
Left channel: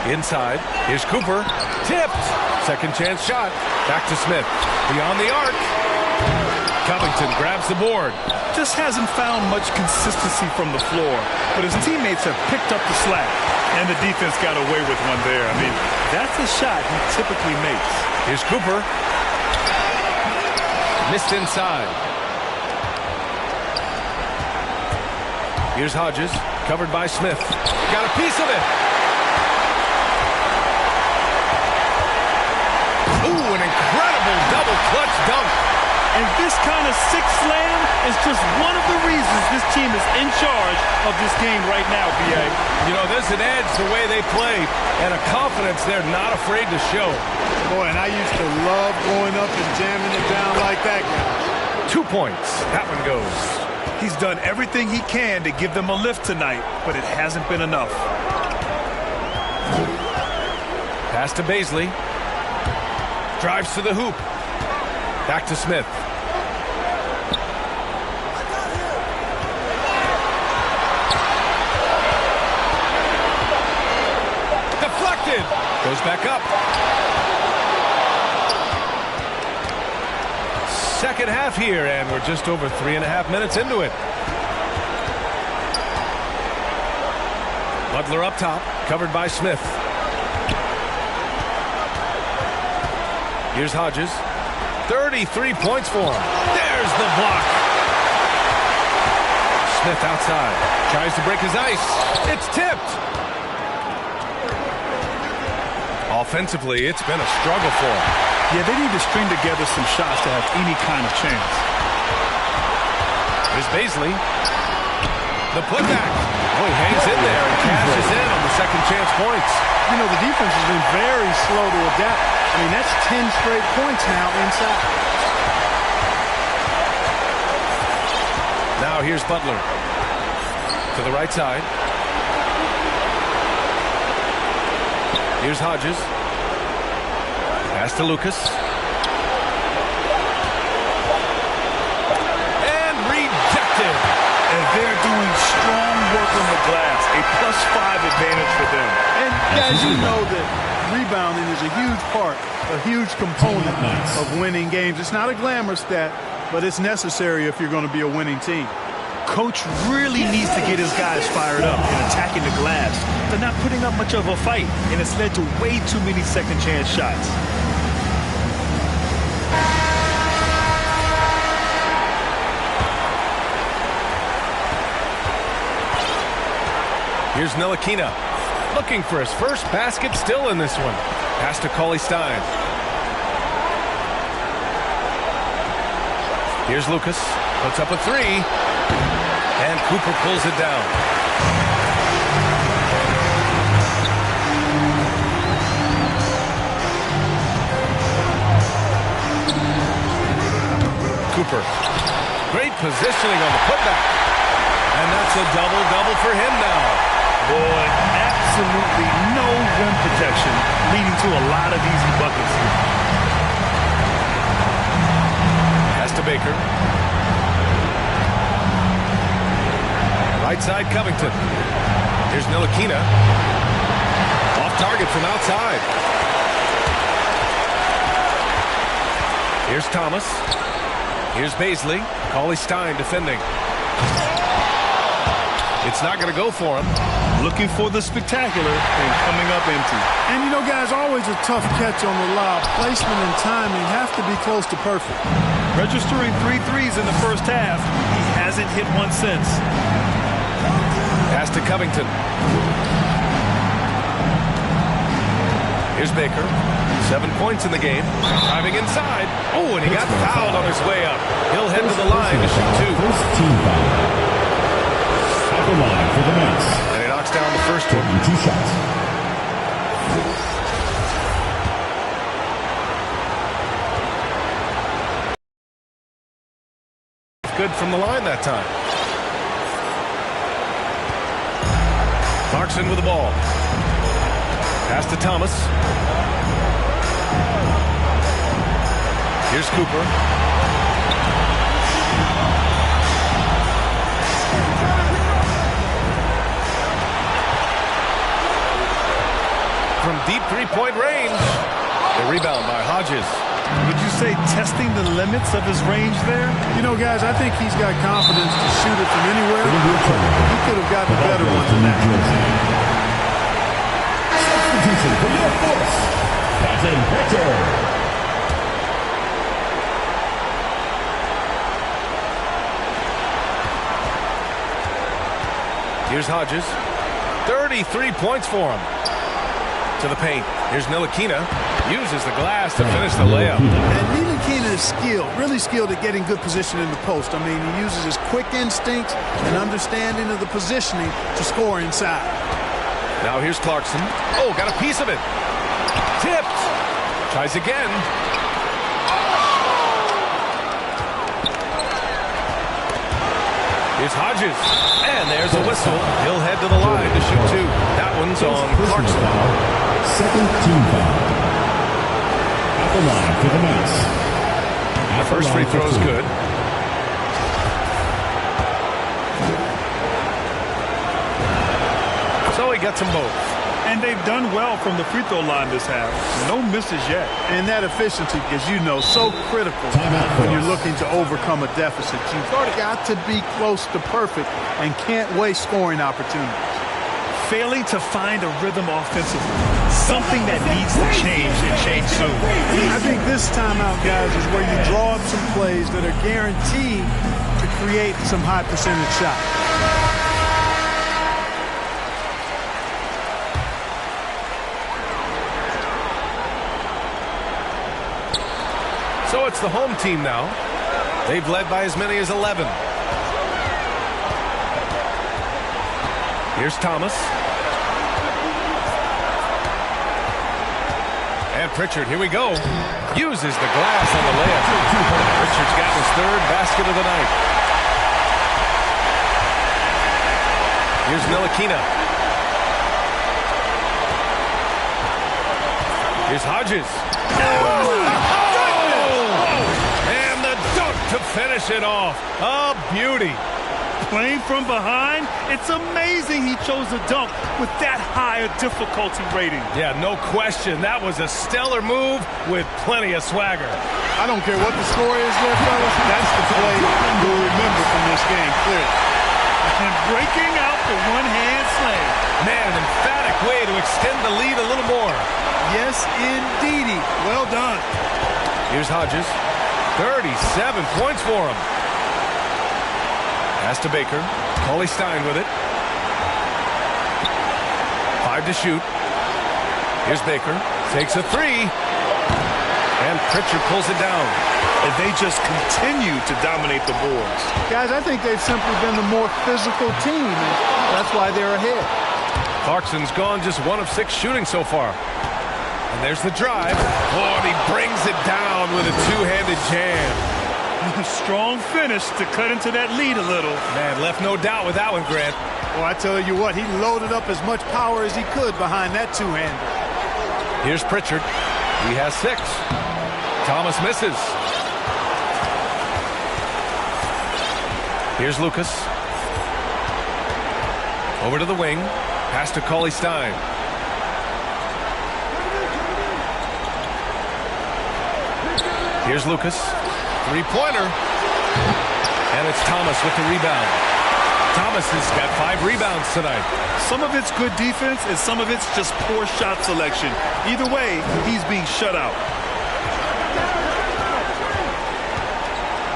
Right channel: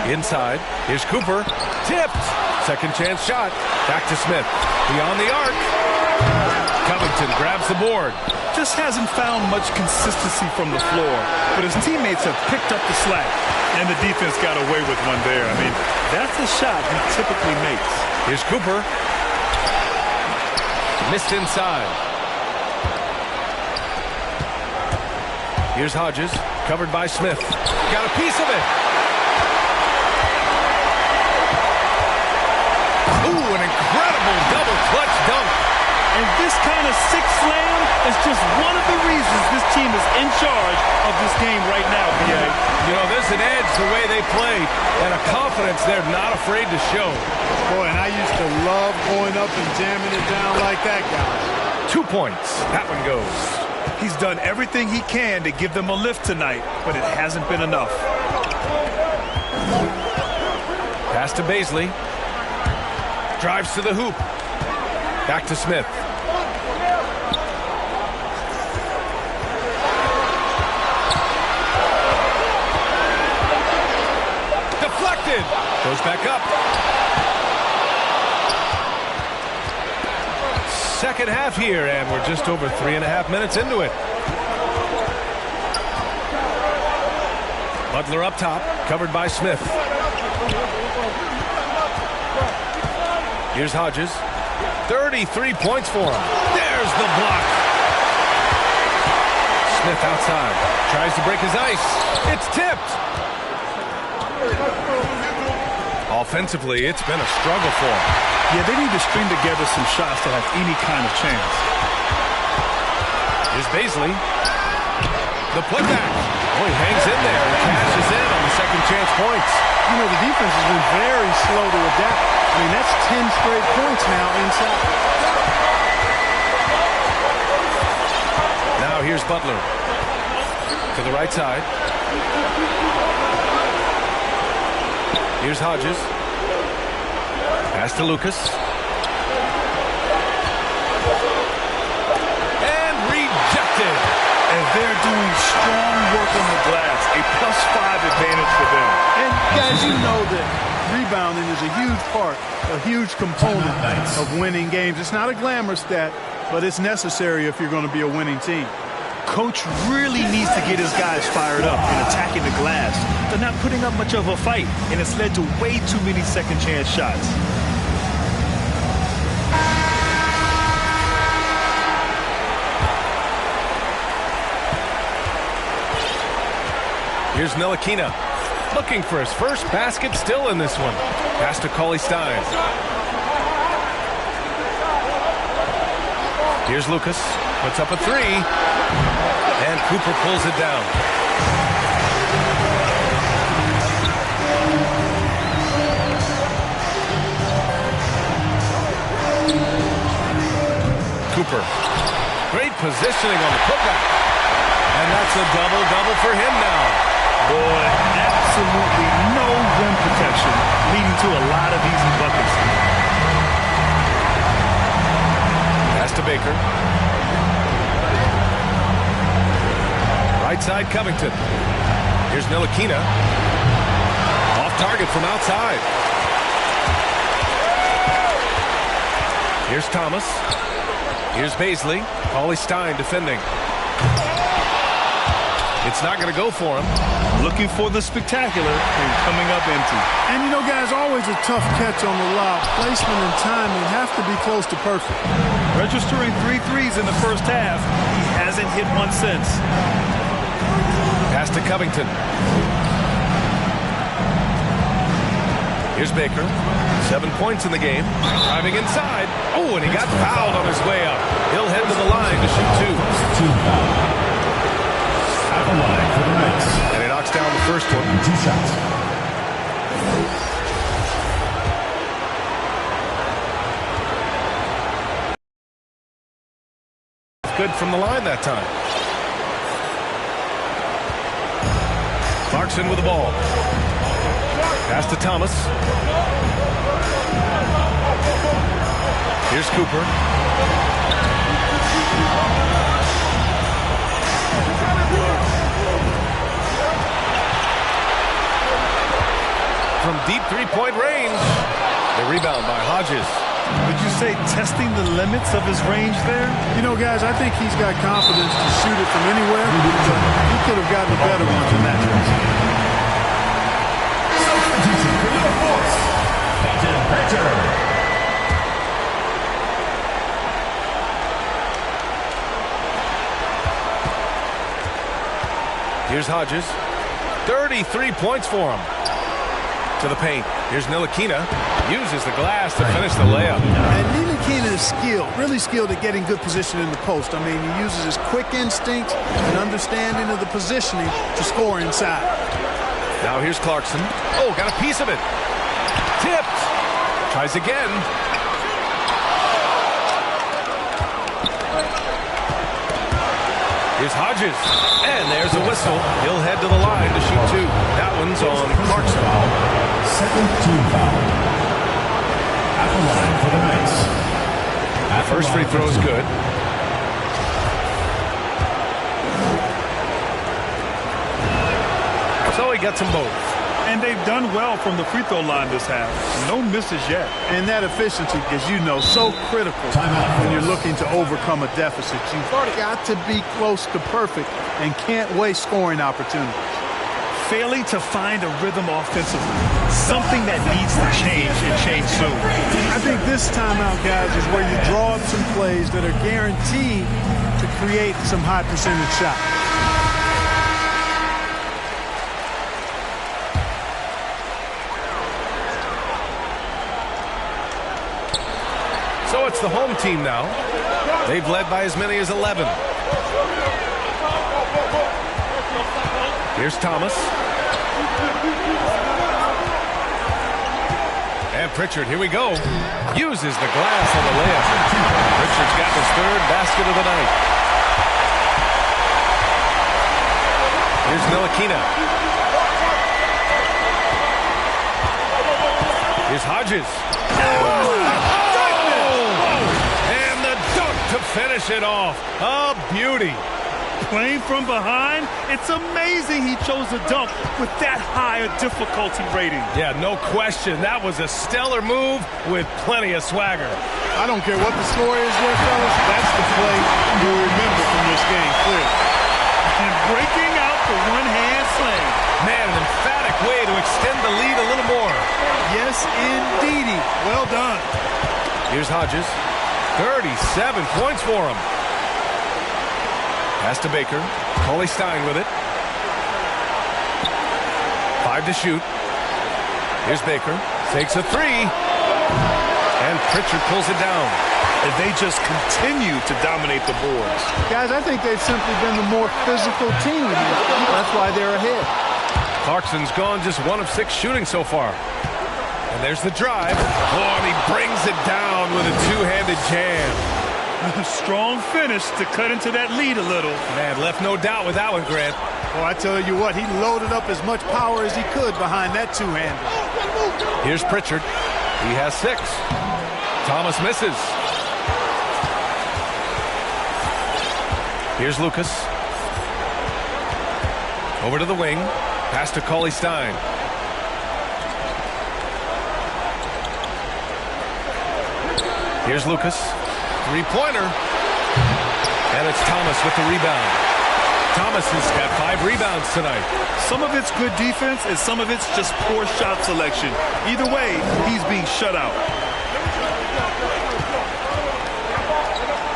Inside. Here's Cooper. Tipped. Second chance shot. Back to Smith. Beyond the arc. Covington grabs the board. Just hasn't found much consistency from the floor, but his teammates have picked up the slack, and the defense got away with one there. I mean, that's a shot he typically makes. Here's Cooper. Missed inside. Here's Hodges, covered by Smith. Got a piece of it. Ooh, an incredible double clutch dunk. And this kind of sick slam is just one of the reasons this team is in charge of this game right now, B.A. You know, there's an edge the way they play and a confidence they're not afraid to show. Boy, and I used to love going up and jamming it down like that, guys. 2 points. That one goes. He's done everything he can to give them a lift tonight, but it hasn't been enough. Pass to Bazley. Drives to the hoop. Back to Smith. Deflected. Goes back up. Second half here, and we're just over 3.5 minutes into it. Butler up top, covered by Smith. Here's Hodges. 33 points for him. There's the block. Smith outside. Tries to break his ice. It's tipped. Offensively, it's been a struggle for him. Yeah, they need to string together some shots to have any kind of chance. Here's Bazley. The putback. Oh, he hangs in there and cashes in on the second chance points. You know, the defense has been very slow to adapt. I mean, that's 10 straight points now inside. Now here's Butler. To the right side. Here's Hodges. Pass to Lucas. And rejected. And they're doing strong work on the glass. A +5 advantage for them. And guys, you know that rebounding is a huge part, a huge component of winning games. It's not a glamour stat, but it's necessary if you're going to be a winning team. Coach really needs to get his guys fired up in attacking the glass. They're not putting up much of a fight, and it's led to way too many second chance shots. Here's Ntilikina. Looking for his first basket still in this one. Pass to Cauley-Stein. Here's Lucas. Puts up a 3. And Cooper pulls it down. Cooper. Great positioning on the putback. And that's a double-double for him now. Boy, absolutely no rim protection, leading to a lot of easy buckets. Pass to Baker. Right side, Covington. Here's Ntilikina. Off target from outside. Here's Thomas. Here's Bazley. Cauley-Stein defending. It's not going to go for him. Looking for the spectacular and coming up empty. And you know, guys, always a tough catch on the lob. Placement and timing have to be close to perfect. Registering 3 threes in the first half. He hasn't hit one since. Pass to Covington. Here's Baker. 7 points in the game. Driving inside. Oh, and he got fouled on his way up. He'll head to the line to shoot 2. First team foul. At the line for the Knights. And he knocks down the first one. 2 shots. Good from the line that time. Clarkson with the ball. Pass to Thomas. Here's Cooper. From deep three-point range. The rebound by Hodges. Would you say testing the limits of his range there? You know, guys, I think he's got confidence to shoot it from anywhere, but he could have gotten a better one than that. Substitution for your force, Peyton Pritchard. Here's Hodges. 33 points for him. To the paint. Here's Ntilikina. Uses the glass to finish the layup. And Ntilikina is skilled, really skilled at getting good position in the post. I mean, he uses his quick instincts and understanding of the positioning to score inside. Now here's Clarkson. Oh, got a piece of it. Tipped. Tries again. Here's Hodges. And there's a whistle. He'll head to the line to shoot 2. That one's on Clarkson. Second team foul. At the line for the Knights. The first free throw is good. So he gets them both. And they've done well from the free throw line this half. No misses yet. And that efficiency, as you know, so critical when you're looking to overcome a deficit. You've got to be close to perfect and can't waste scoring opportunities. Failing to find a rhythm offensively. Something that needs to change and change soon. I think this timeout, guys, is where you draw up some plays that are guaranteed to create some high percentage shots. So it's the home team now. They've led by as many as 11. Here's Thomas. And Pritchard, here we go. Uses the glass on the layup. Pritchard's got his 3rd basket of the night. Here's Ntilikina. Here's Hodges. And the dunk to finish it off. A beauty. Playing from behind, it's amazing he chose a dunk with that high a difficulty rating. Yeah, no question. That was a stellar move with plenty of swagger. I don't care what the score is there, fellas. That's the play you'll remember from this game, clearly. And breaking out the one-hand slam. Man, an emphatic way to extend the lead a little more. Yes, indeedy. Well done. Here's Hodges. 37 points for him. Pass to Baker. Cauley-Stein with it. 5 to shoot. Here's Baker. Takes a 3. And Pritchard pulls it down. And they just continue to dominate the boards. Guys, I think they've simply been the more physical team. That's why they're ahead. Clarkson's gone just 1 of 6 shooting so far. And there's the drive. Oh, and he brings it down with a 2-handed jam. Strong finish to cut into that lead a little. Man, left no doubt with that one, Grant. Well, I tell you what, he loaded up as much power as he could behind that two-hander. Here's Pritchard. He has 6. Thomas misses. Here's Lucas. Over to the wing. Pass to Cauley Stein. Here's Lucas. Three-pointer. And it's Thomas with the rebound. Thomas has got 5 rebounds tonight. Some of it's good defense and some of it's just poor shot selection. Either way, he's being shut out.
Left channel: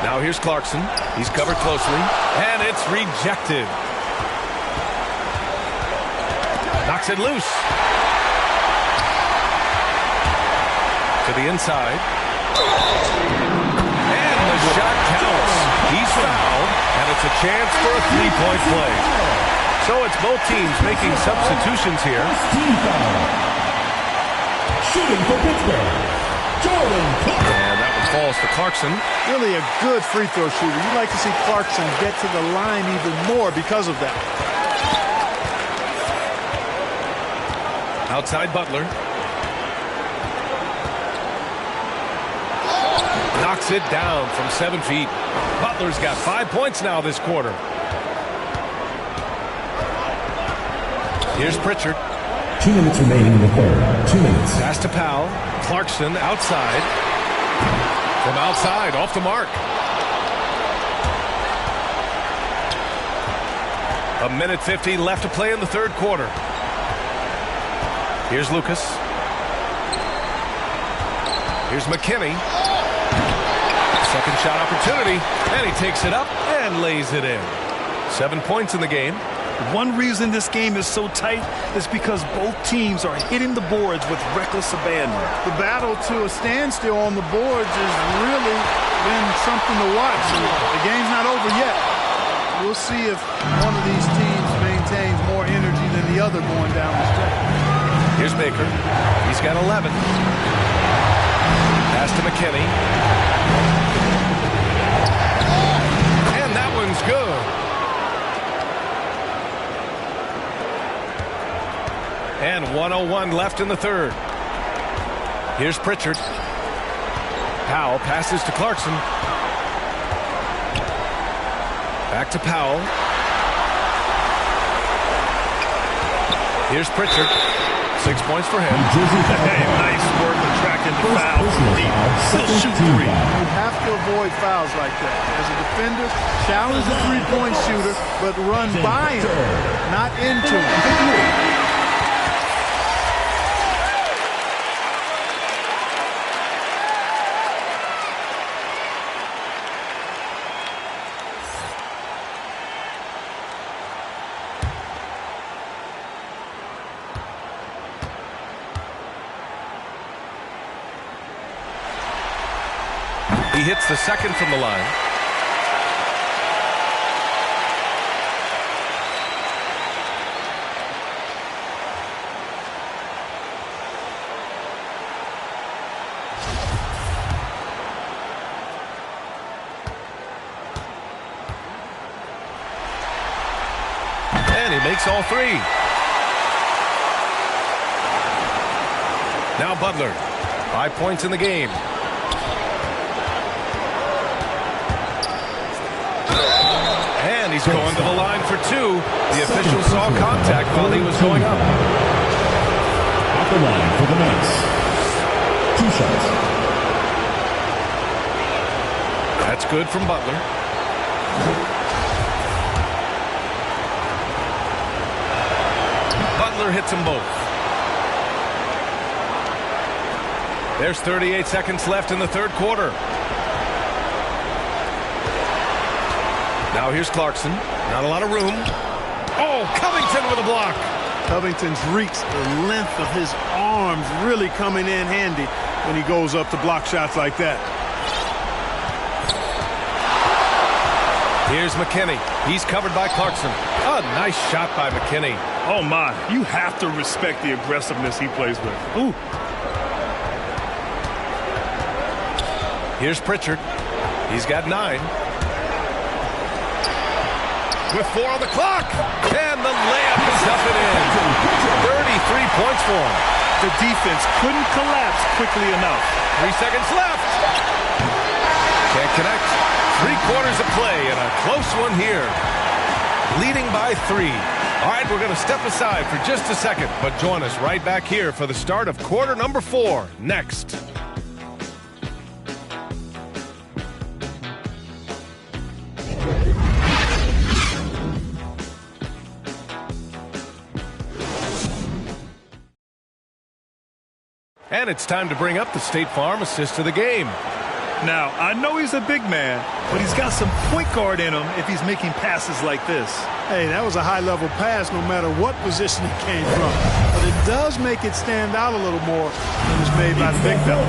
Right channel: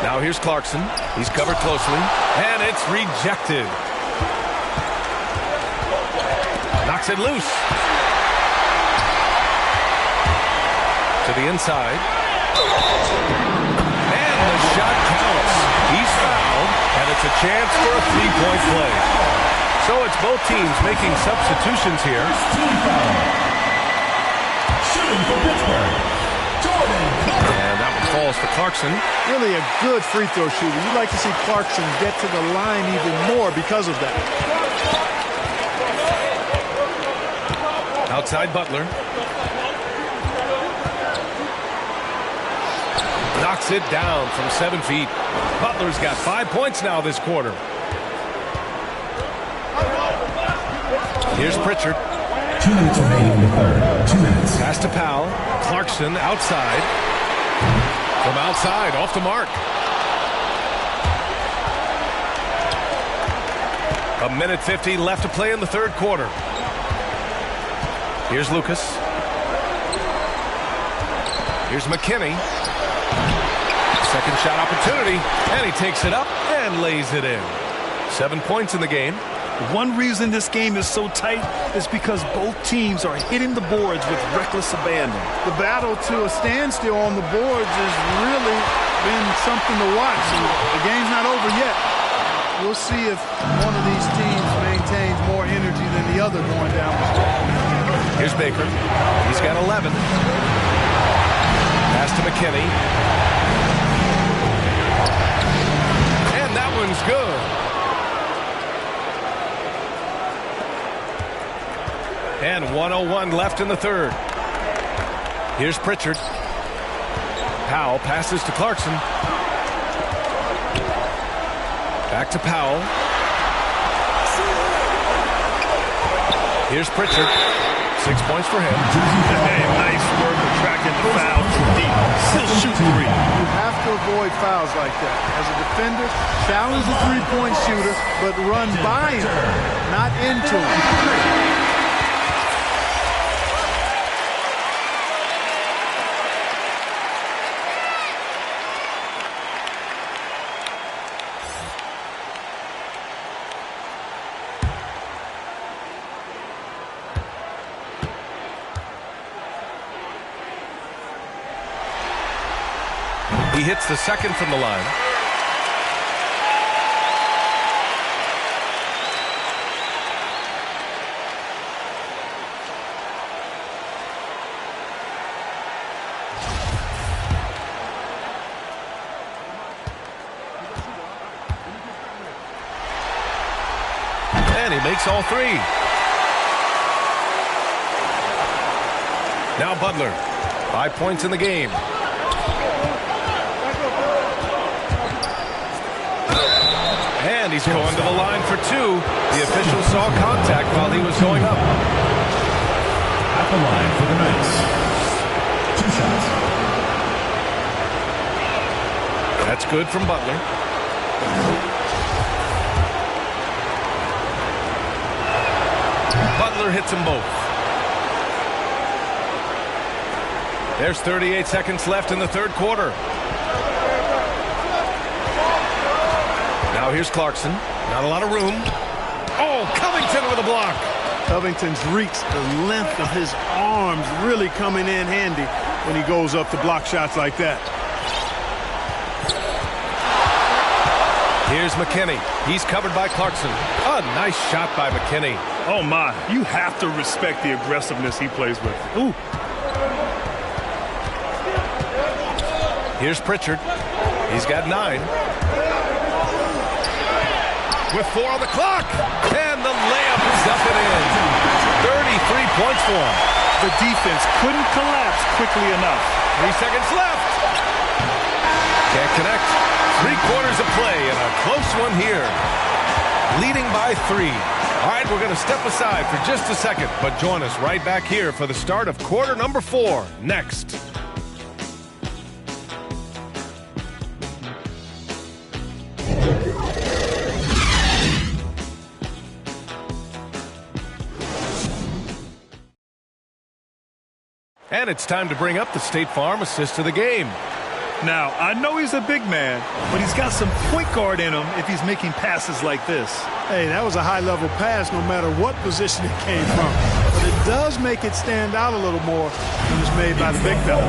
Now here's Clarkson. He's covered closely. And it's rejected. Knocks it loose. To the inside. And the shot counts. He's fouled, and it's a chance for a 3-point play. So it's both teams making substitutions here. Team foul. Shooting for Pittsburgh, Jordan Clarkson. And that one falls to Clarkson. Really a good free throw shooter. You'd like to see Clarkson get to the line even more because of that. Outside Butler. Knocks it down from 7 feet. Butler's got 5 points now this quarter. Here's Pritchard. 2 minutes remaining in the third. 2 minutes. Pass to Powell. Clarkson outside. From outside, off the mark. A minute 50 left to play in the third quarter. Here's Lucas. Here's McKinney. Second shot opportunity, and he takes it up and lays it in. 7 points in the game. One reason this game is so tight is because both teams are hitting the boards with reckless abandon. The battle to a standstill on the boards has really been something to watch. And the game's not over yet. We'll see if one of these teams maintains more energy than the other going down the stretch. Here's Baker. He's got 11. Pass to McKinney. And that one's good. And 1:01 left in the third. Here's Pritchard. Powell passes to Clarkson. Back to Powell. Here's Pritchard. 6 points for him. Hey, nice work attracting the foul from deep. He'll shoot 3. You have to avoid fouls like that. As a defender, challenge the three-point shooter, but run by him, not into him. He hits the second from the line. And he makes all 3. Now Butler. 5 points in the game. And he's going to the line for 2. The official saw contact while he was going up. At the line for the Knights. 2 shots. That's good from Butler. Butler hits them both. There's 38 seconds left in the third quarter. Now here's Clarkson. Not a lot of room. Oh, Covington with a block. Covington's reach, the length of his arms really coming in handy when he goes up to block shots like that. Here's McKinney. He's covered by Clarkson. A nice shot by McKinney. Oh, my. You have to respect the aggressiveness he plays with. Ooh. Here's Pritchard. He's got 9. With 4 on the clock. And the layup is up and in. 33 points for him. The defense couldn't collapse quickly enough. 3 seconds left. Can't connect. 3 quarters of play and a close one here. Leading by 3. All right, we're going to step aside for just a second, but join us right back here for the start of quarter number 4 next. And it's time to bring up the State Farm assist of the game. Now, I know he's a big man, but he's got some point guard in him if he's making passes like this. Hey, that was a high-level pass no matter what position it came from. But it does make it stand out a little more when it's made by the big fella.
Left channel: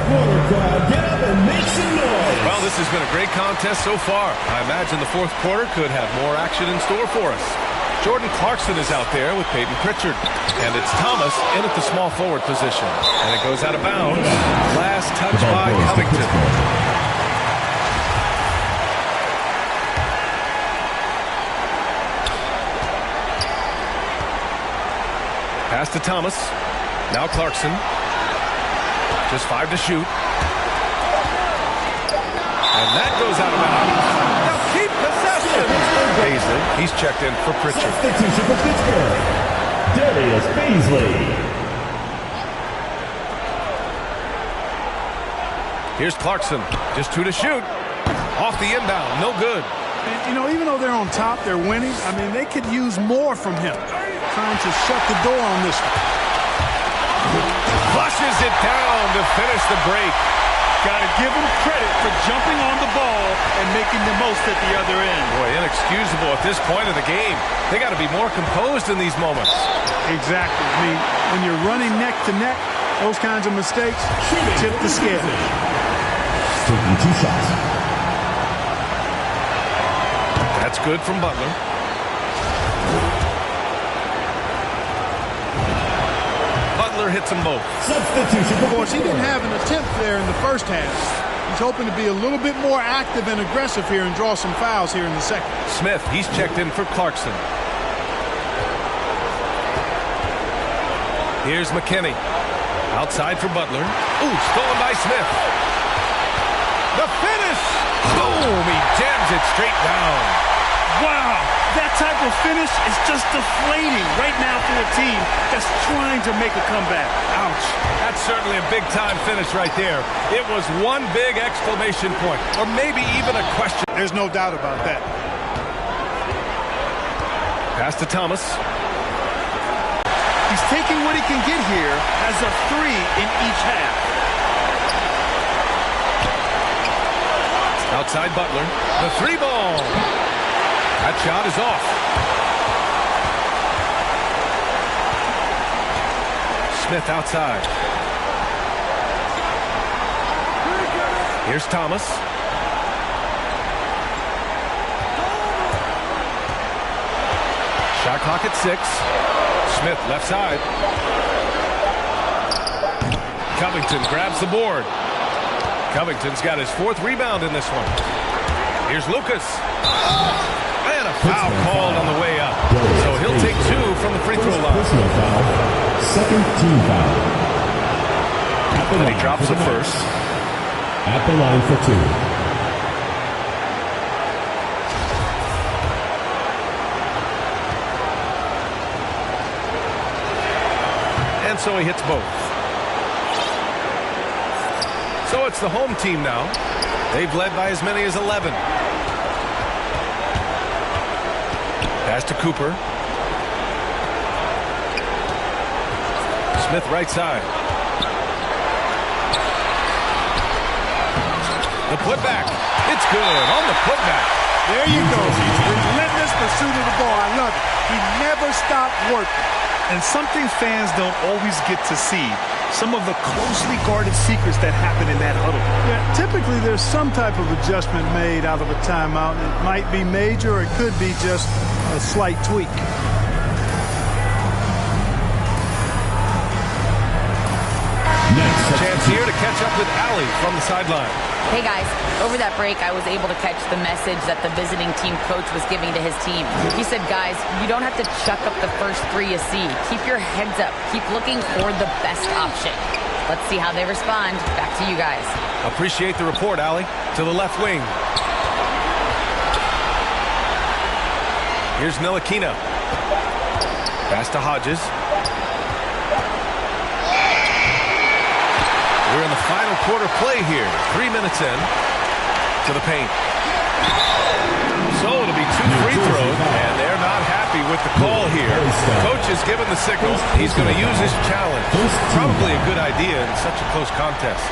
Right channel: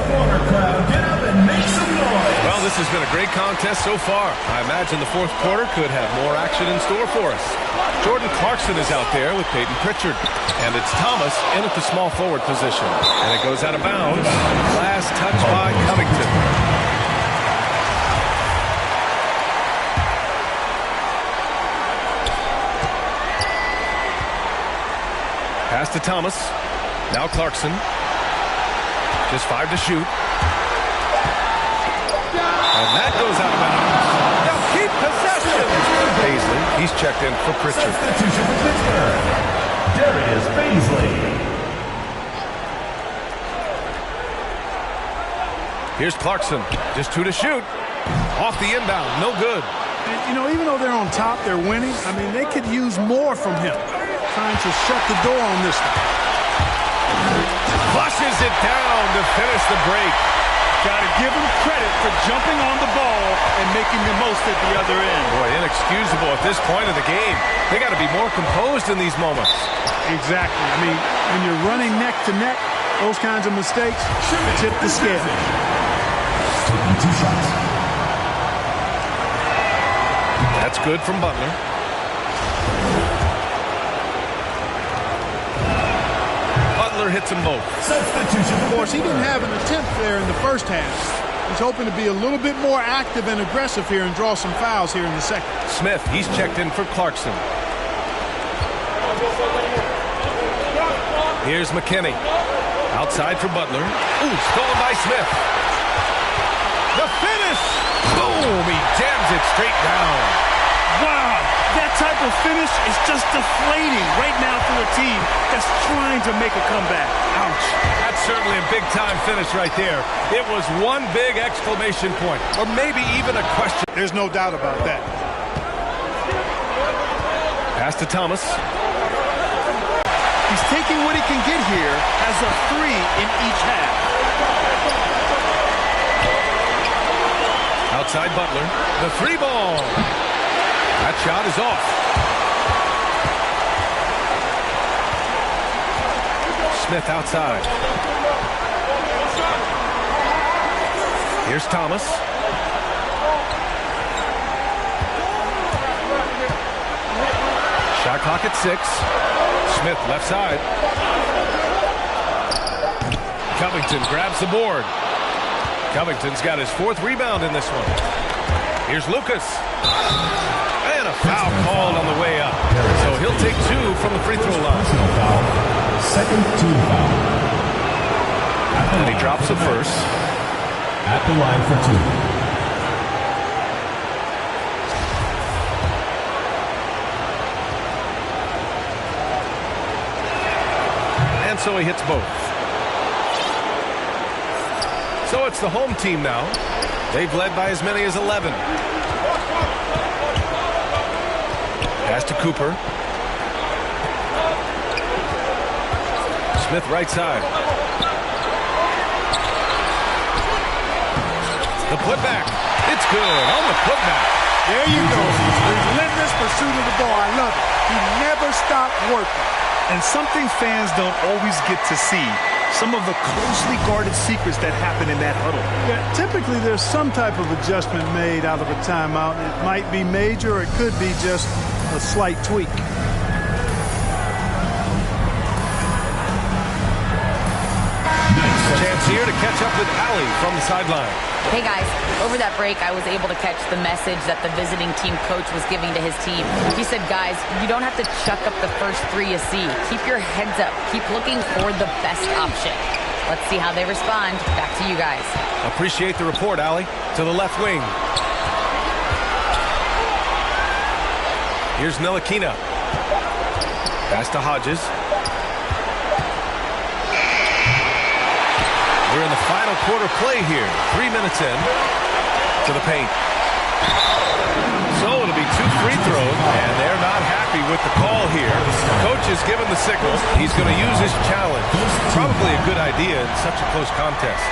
Get up and make some noise. Well, this has been a great contest so far. I imagine the fourth quarter could have more action in store for us. Jordan Clarkson is out there with Peyton Pritchard. And it's Thomas in at the small forward position. And it goes out of bounds. Last touch by Covington. Pass to Thomas. Now Clarkson. Just 5 to shoot. And that goes out of bounds. Now keep possession. Paisley, he's checked in for Pritchard. Substitution for Pittsburgh. Darius Paisley. Here's Clarkson. Just 2 to shoot. Off the inbound. No good. And, you know, even though they're on top, they're winning. I mean, they could use more from him. Trying to shut the door on this one. Flushes it down to finish the break. Got to give him credit for jumping on the ball and making the most at the other end. Boy, inexcusable at this point of the game. They got to be more composed in these moments. Exactly. I mean, when you're running neck to neck, those kinds of mistakes tip the scale. Taking 2 shots. That's good from Butler. Butler hits them both. Substitution. Of course, he didn't have an attempt there in the first half. He's hoping to be a little bit more active and aggressive here and draw some fouls here in the second. Smith, he's checked in for Clarkson. Here's McKinney. Outside for Butler. Ooh, stolen by Smith. The finish! Boom! He jams it straight down. Wow, that type of finish is just deflating right now for a team that's trying to make a comeback. Ouch. That's certainly a big-time finish right there. It was one big exclamation point, or maybe even a question. There's no doubt about that. Pass to Thomas. He's taking what he can get here as a 3 in each half. Outside Butler. The 3 ball. That shot is off. Smith outside. Here's Thomas. Shot clock at 6. Smith left side. Covington grabs the board. Covington's got his 4th rebound in this one. Here's Lucas. And a foul called on the way up. So he'll take 2 from the free throw line. Personal foul. Second team foul. And he drops the first. At the line for 2. And so he hits both. So it's the home team now. They've led by as many as 11. Pass to Cooper. Smith right side. The putback. It's good on the putback. There you go. Relentless pursuit of the ball. I love it. He never stopped working. And something fans don't always get to see. Some of the closely guarded secrets that happen in that huddle. Yeah, typically there's some type of adjustment made out of a timeout. It might be major or it could be just a slight tweak. Next, Chance here to catch up with Allie from the sideline. Hey guys, over that break I was able to catch the message that the visiting team coach was giving to his team. He said, guys, you don't have to chuck up the first 3 you see. Keep your heads up. Keep looking for the best option. Let's see how they respond. Back to you guys. Appreciate the report, Allie. To the left wing. Here's Ntilikina. Pass to Hodges. We're in the final quarter play here. 3 minutes in to the paint. So it'll be 2 free throws, and they're not happy with the call here. Coach has given the signal. He's going to use his challenge. Probably a good idea in such a close contest.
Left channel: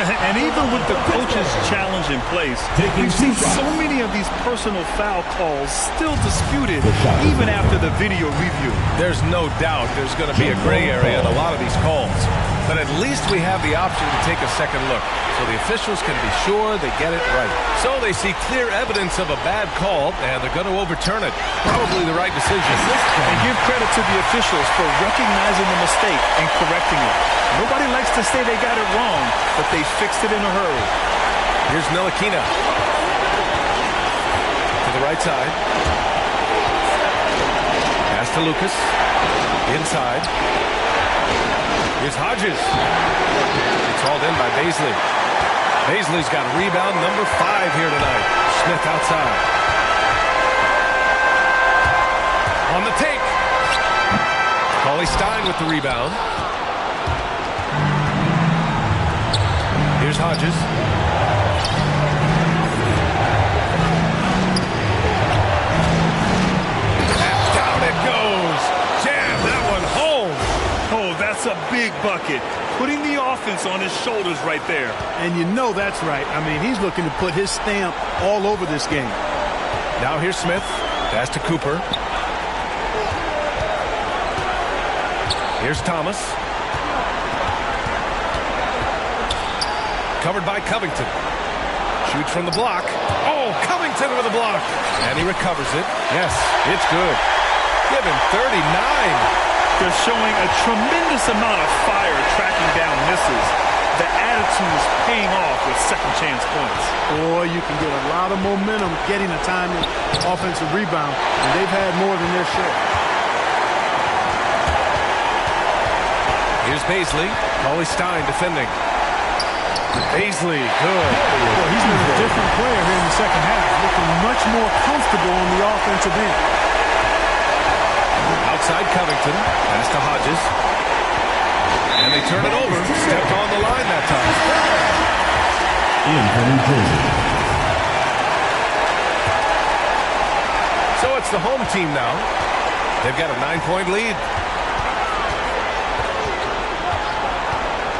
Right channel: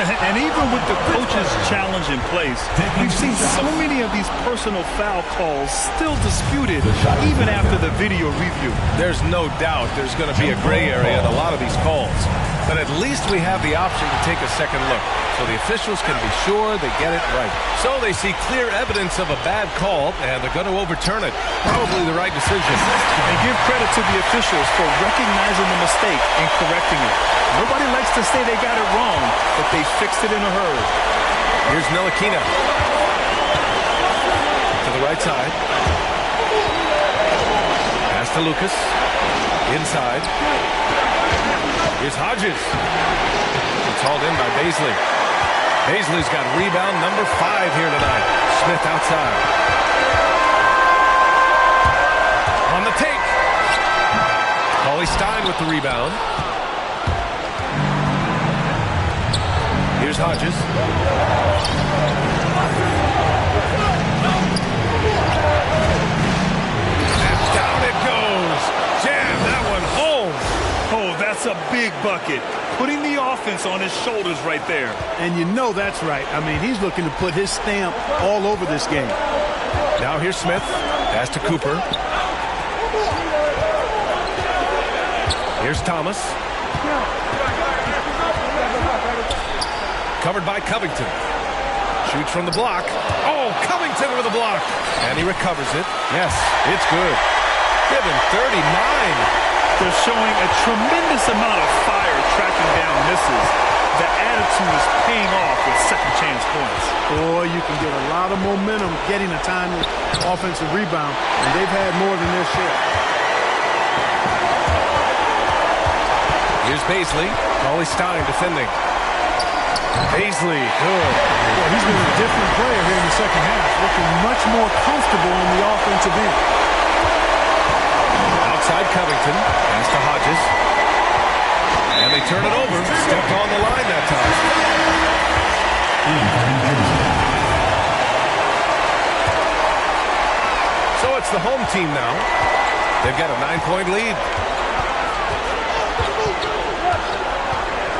And even with the coach's challenge in place, we've seen so many of these personal foul calls still disputed even after the video review. There's no doubt there's going to be a gray area in a lot of these calls. But at least we have the option to take a second look, so the officials can be sure they get it right. So they see clear evidence of a bad call, and they're going to overturn it. Probably the right decision. And give credit to the officials for recognizing the mistake and correcting it. Nobody likes to say they got it wrong, but they fixed it in a hurry. Here's Ntilikina. To the right side. Pass to Lucas. Inside. Here's Hodges. It's hauled in by Bazley. Bazley's got rebound number 5 here tonight. Smith outside. On the take. Cauley-Stein with the rebound. Here's Hodges. And down it goes. Jam that one home. Oh, that's a big bucket. Putting the offense on his shoulders right there. And you know that's right. I mean, he's looking to put his stamp all over this game. Now here's Smith. Pass to Cooper. Here's Thomas. Covered by Covington. Shoots from the block. Oh, Covington with a block. And he recovers it. Yes, it's good. Give him 39. They're showing a tremendous amount of fire tracking down misses. The attitude is paying off with second chance points. Boy, you can get a lot of momentum getting a timely offensive rebound, and they've had more than their share. Here's Bazley. Cauley-Stein defending. Bazley, good. Boy, he's been a different player here in the second half, looking much more comfortable on the offensive end. Outside Covington. Pass to Hodges. And they turn it over. Stepped on the line that time. In for New Jersey. So it's the home team now. They've got a 9-point lead.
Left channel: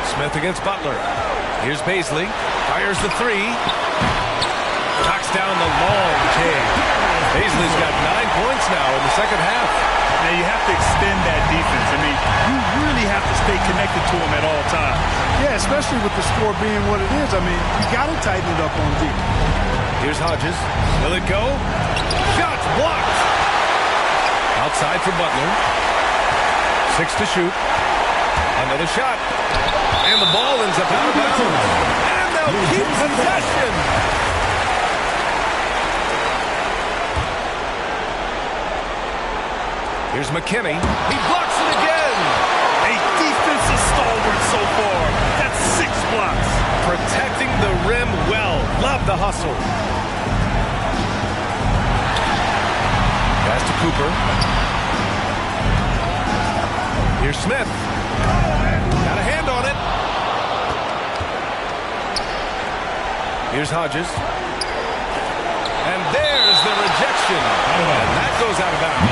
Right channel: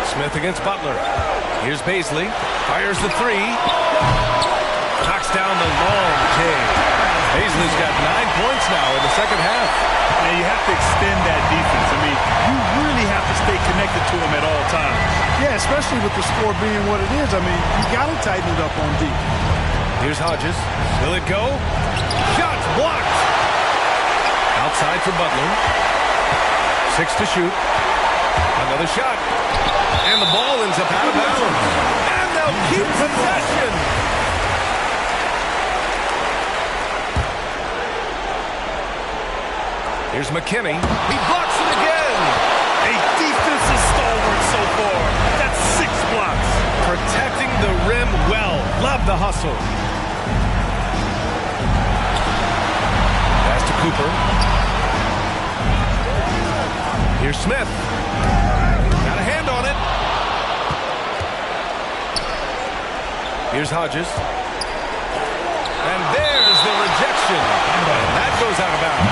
Smith against Butler. Here's Bazley. Fires the 3. Knocks down the long J. Bazley's got 9 points now in the second half. Now you have to extend that defense. I mean, you really have to stay connected to him at all times. Yeah, especially with the score being what it is. I mean, you got to tighten it up on D. Here's Hodges. Will it go? Shots blocked. Outside for Butler. 6 to shoot. Another shot. And the ball ends up out of bounds. And they'll keep possession. Here's McKinney. He blocks it again. A defensive stalwart so far. That's 6 blocks. Protecting the rim well. Love the hustle. Pass to Cooper. Here's Smith. Got a hand on it. Here's Hodges. And there's the rejection. And that goes out of bounds.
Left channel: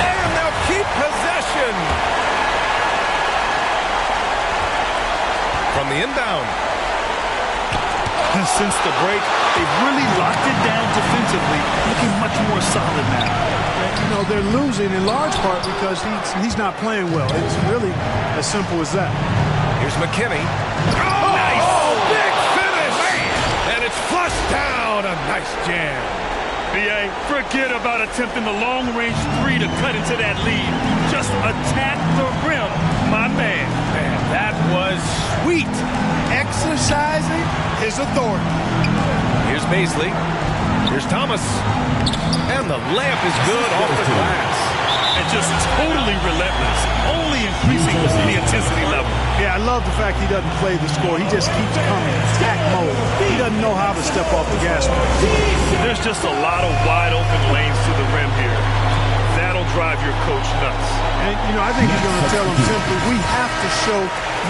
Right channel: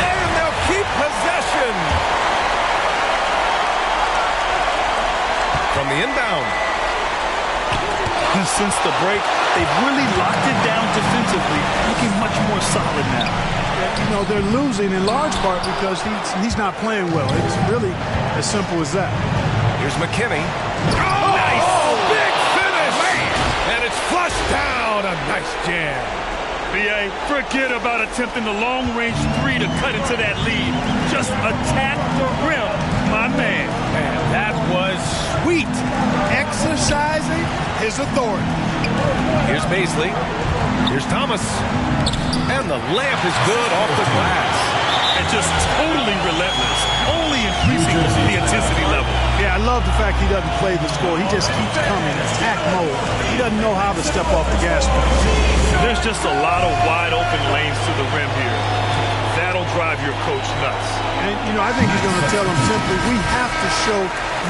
And they'll keep possession. From the inbound. Since the break, they've really locked it down defensively, looking much more solid now. You know, they're losing in large part because he's not playing well. It's really as simple as that. Here's McKinney. Oh, nice! Oh, big finish! Man. And it's flushed down. A nice jam. B.A., forget about attempting the long-range three to cut into that lead. Just attack the rim, my man. Man, that was sweet. Exercising his authority. Here's Bazley. Here's Thomas. And the layup is good off the glass. And just totally relentless, only increasing the intensity level. Yeah, I love the fact he doesn't play the score. He just keeps coming, attack mode. He doesn't know how to step off the gas pedal. There's just a lot of wide open lanes to the rim here. That'll drive your coach nuts. And, you know, I think he's going to tell him simply, we have to show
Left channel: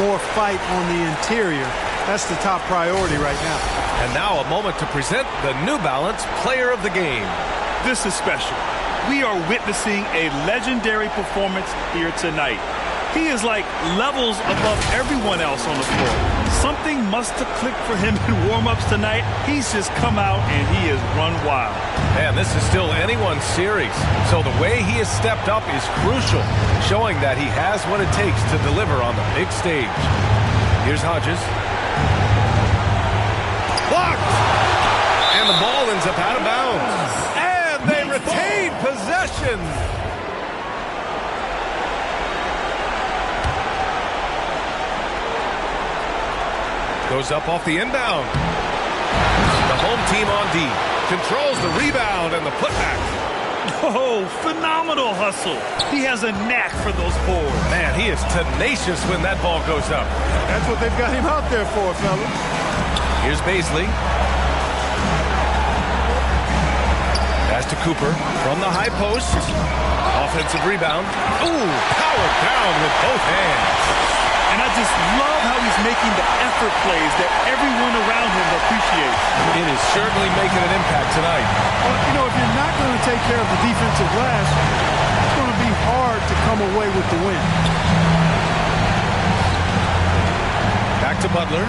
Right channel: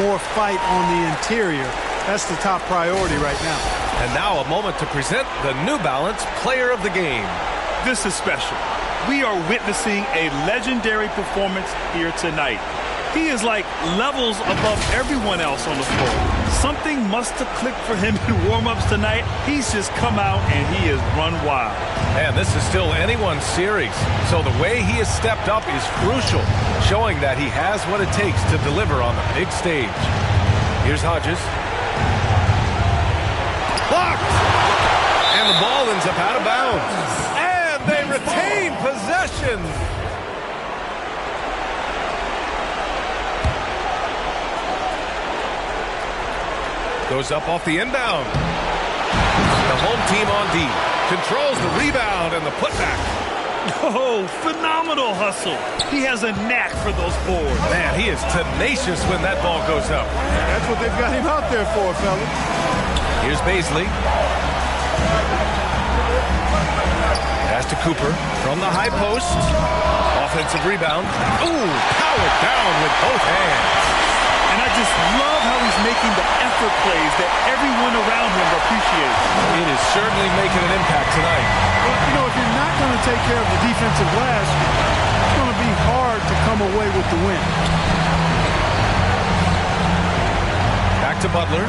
more fight on the interior. That's the top priority right now. And now a moment to present the New Balance Player of the Game. This is special. We are witnessing a legendary performance here tonight. He is like levels above everyone else on the floor. Something must have clicked for him in warm-ups tonight. He's just come out and he has run wild. Man, this is still anyone's series. So the way he has stepped up is crucial, showing that he has what it takes to deliver on the big stage. Here's Hodges. Blocked! And the ball ends up out of bounds. And they retain possession. Goes up off the inbound. The home team on D. Controls the rebound and the putback. Oh, phenomenal hustle. He has a knack for those boards. Man, he is tenacious when that ball goes up. That's what they've got him out there for, fellas. Here's Bazley. Pass to Cooper from the high post. Offensive rebound. Ooh, powered down with both hands. And I just love how he's making the effort plays that everyone around him appreciates. It is certainly making an impact tonight. Well, you know, if you're not going to take care of the defensive glass, it's going to be hard to come away with the win. Back to Butler.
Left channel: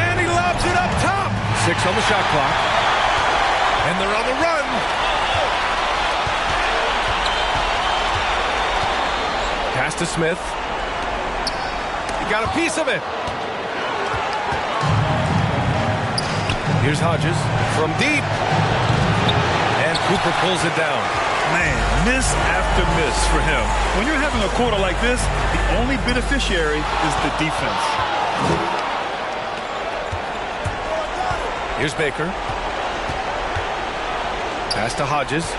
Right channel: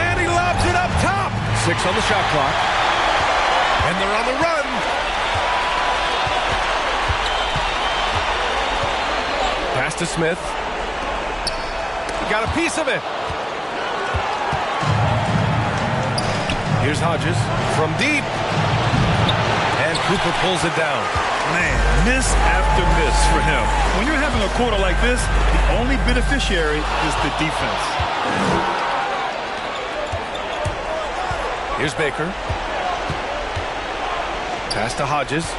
And he lobs it up top. 6 on the shot clock. And they're on the run. Pass to Smith. He got a piece of it. Here's Hodges from deep. And Cooper pulls it down. Man, miss after miss for him. When you're having a quarter like this, the only beneficiary is the defense. Here's Baker. Pass to Hodges.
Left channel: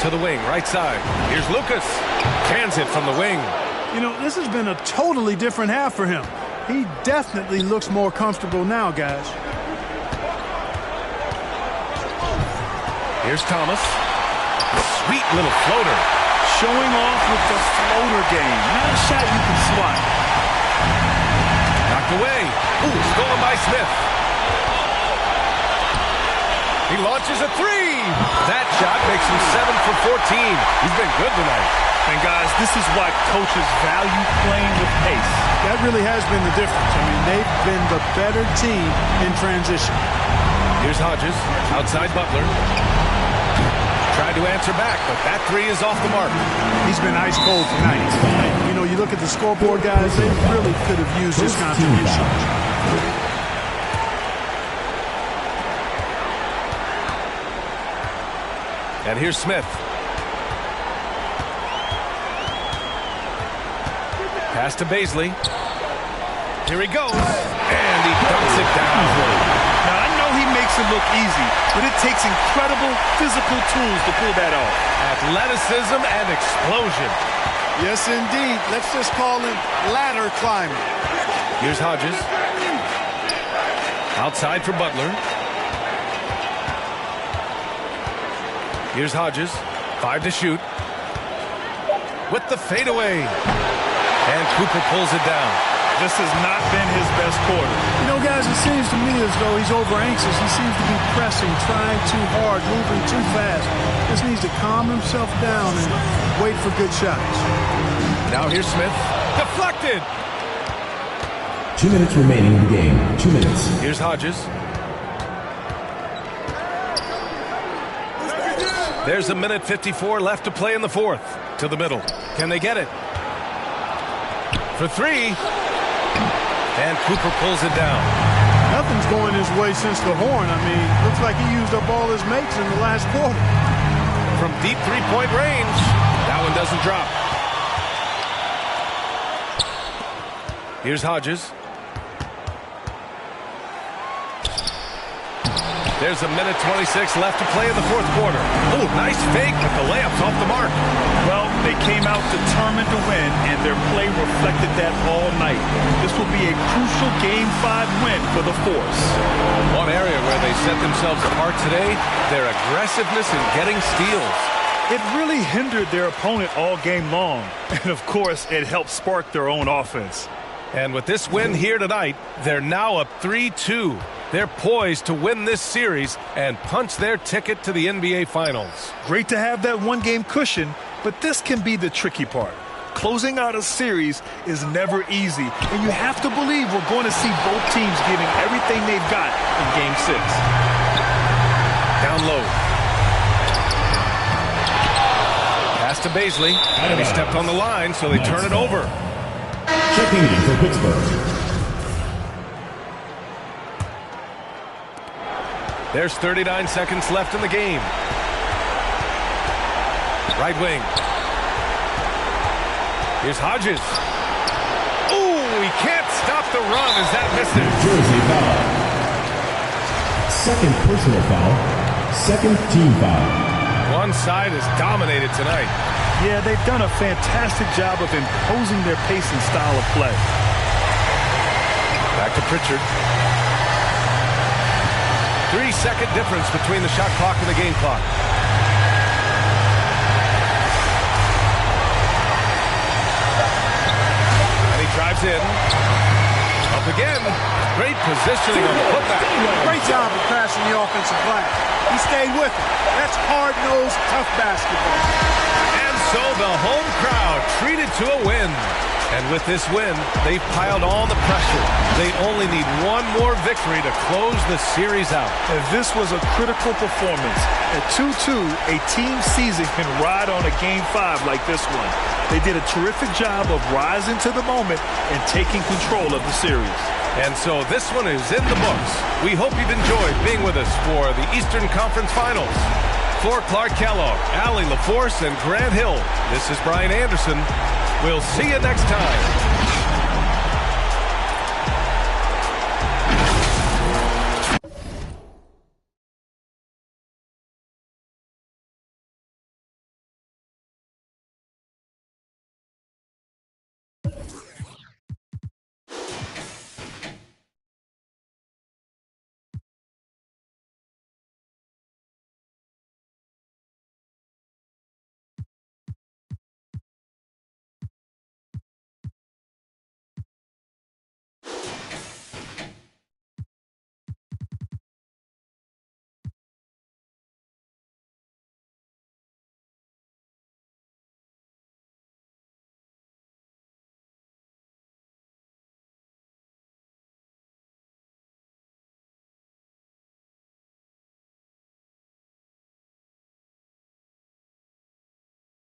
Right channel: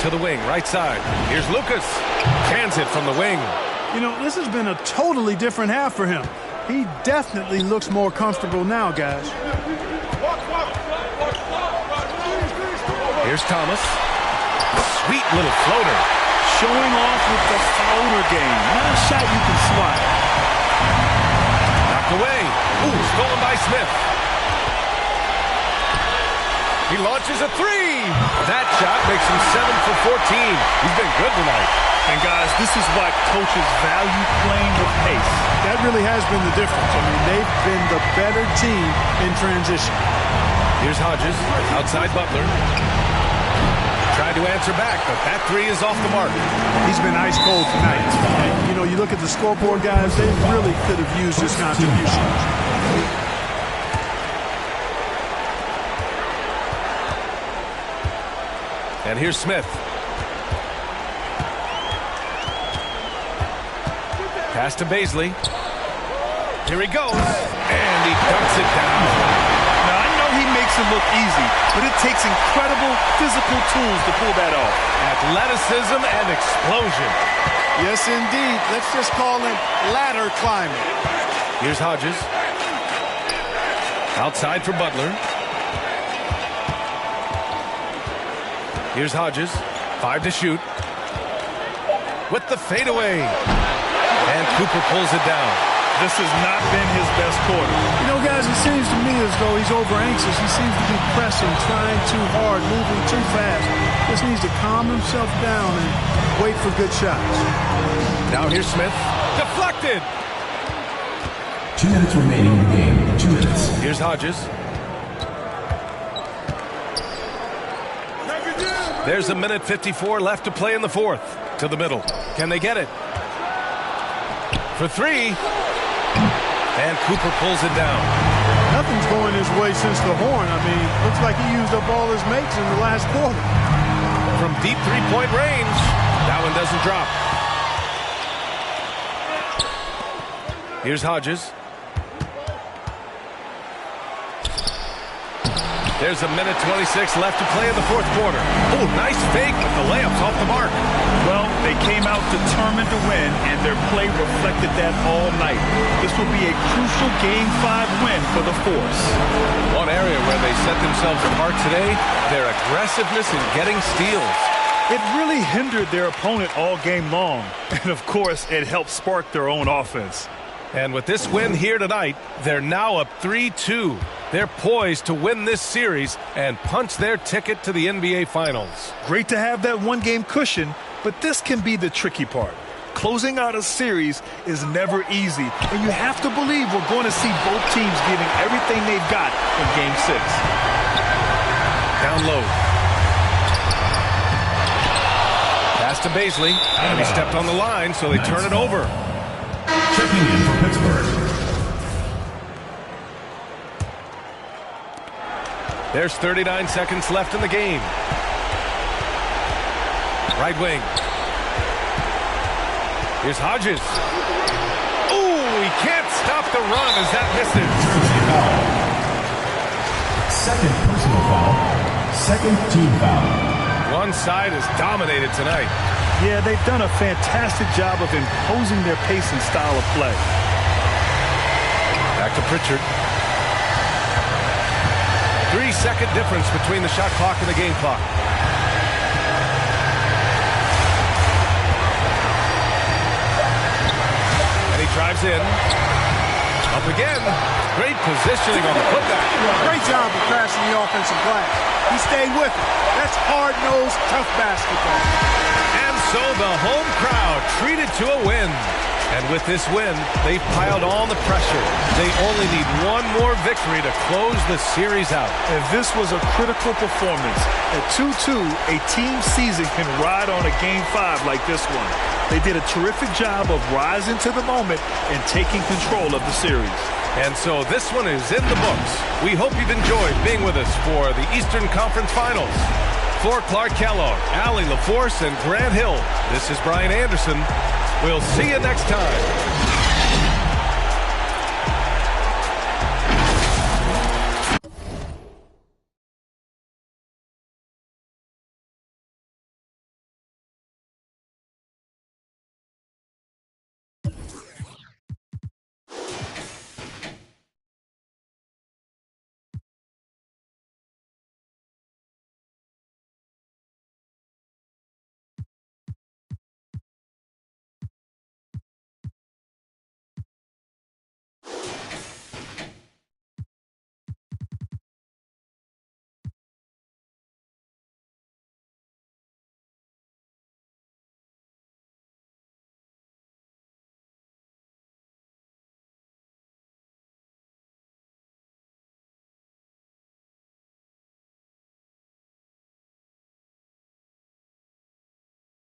To the wing, right side. Here's Lucas. Cans it from the wing. You know, this has been a totally different half for him. He definitely looks more comfortable now, guys. Here's Thomas. Sweet little floater. Showing off with the floater game. Not a shot you can swat. Knocked away. Ooh, stolen by Smith. He launches a three. That shot makes him 7 for 14. He's been good tonight. And guys, this is why coaches value playing with pace. That really has been the difference. I mean, they've been the better team in transition. Here's Hodges, outside Butler. Tried to answer back, but that three is off the mark. He's been ice cold tonight. And, you know, you look at the scoreboard, guys, they really could have used his contribution. And here's Smith. Pass to Bazley. Here he goes. And he dunks it down. Now, I know he makes it look easy, but it takes incredible physical tools to pull that off. Athleticism and explosion. Yes, indeed. Let's just call him ladder climber. Here's Hodges. Outside for Butler. Here's Hodges. 5 to shoot. With the fadeaway. And Cooper pulls it down. This has not been his best quarter. You know, guys, it seems to me as though he's over anxious. He seems to be pressing, trying too hard, moving too fast. Just needs to calm himself down and wait for good shots. Now here's Smith. Deflected. 2 minutes remaining in the game. 2 minutes. Here's Hodges. There's a minute 54 left to play in the fourth. To the middle. Can they get it? For three. And Cooper pulls it down. Nothing's going his way since the horn. I mean, looks like he used up all his mates in the last quarter. From deep three-point range, that one doesn't drop. Here's Hodges. There's a minute 26 left to play in the fourth quarter. Oh, nice fake, but the layup's off the mark. Well, they came out determined to win, and their play reflected that all night. This will be a crucial Game 5 win for the Force. One area where they set themselves apart today, their aggressiveness in getting steals. It really hindered their opponent all game long. And, of course, it helped spark their own offense. And with this win here tonight, they're now up 3-2. They're poised to win this series and punch their ticket to the NBA Finals. Great to have that one-game cushion, but this can be the tricky part. Closing out a series is never easy, and you have to believe we're going to see both teams giving everything they've got in Game 6. Down low. Pass to Baisley, and he stepped on the line, so they turn it over. Checking in for Pittsburgh. There's 39 seconds left in the game. Right wing. Here's Hodges. Ooh, he can't stop the run as that misses. Jersey foul. Second personal foul. Second team foul. One side has dominated tonight. Yeah, they've done a fantastic job of imposing their pace and style of play. Back to Pritchard. 3-second difference between the shot clock and the game clock. And he drives in. Up again. Great positioning on the putback. Great job of crashing the offensive glass. He stayed with it. That's hard-nosed, tough basketball. And so the home crowd treated to a win. And with this win, they've piled on the pressure. They only need one more victory to close the series out. And this was a critical performance. At 2-2, a team season can ride on a Game 5 like this one. They did a terrific job of rising to the moment and taking control of the series. And so this one is in the books. We hope you've enjoyed being with us for the Eastern Conference Finals. For Clark Kellogg, Allie LaForce, and Grant Hill, this is Brian Anderson. We'll see you next time.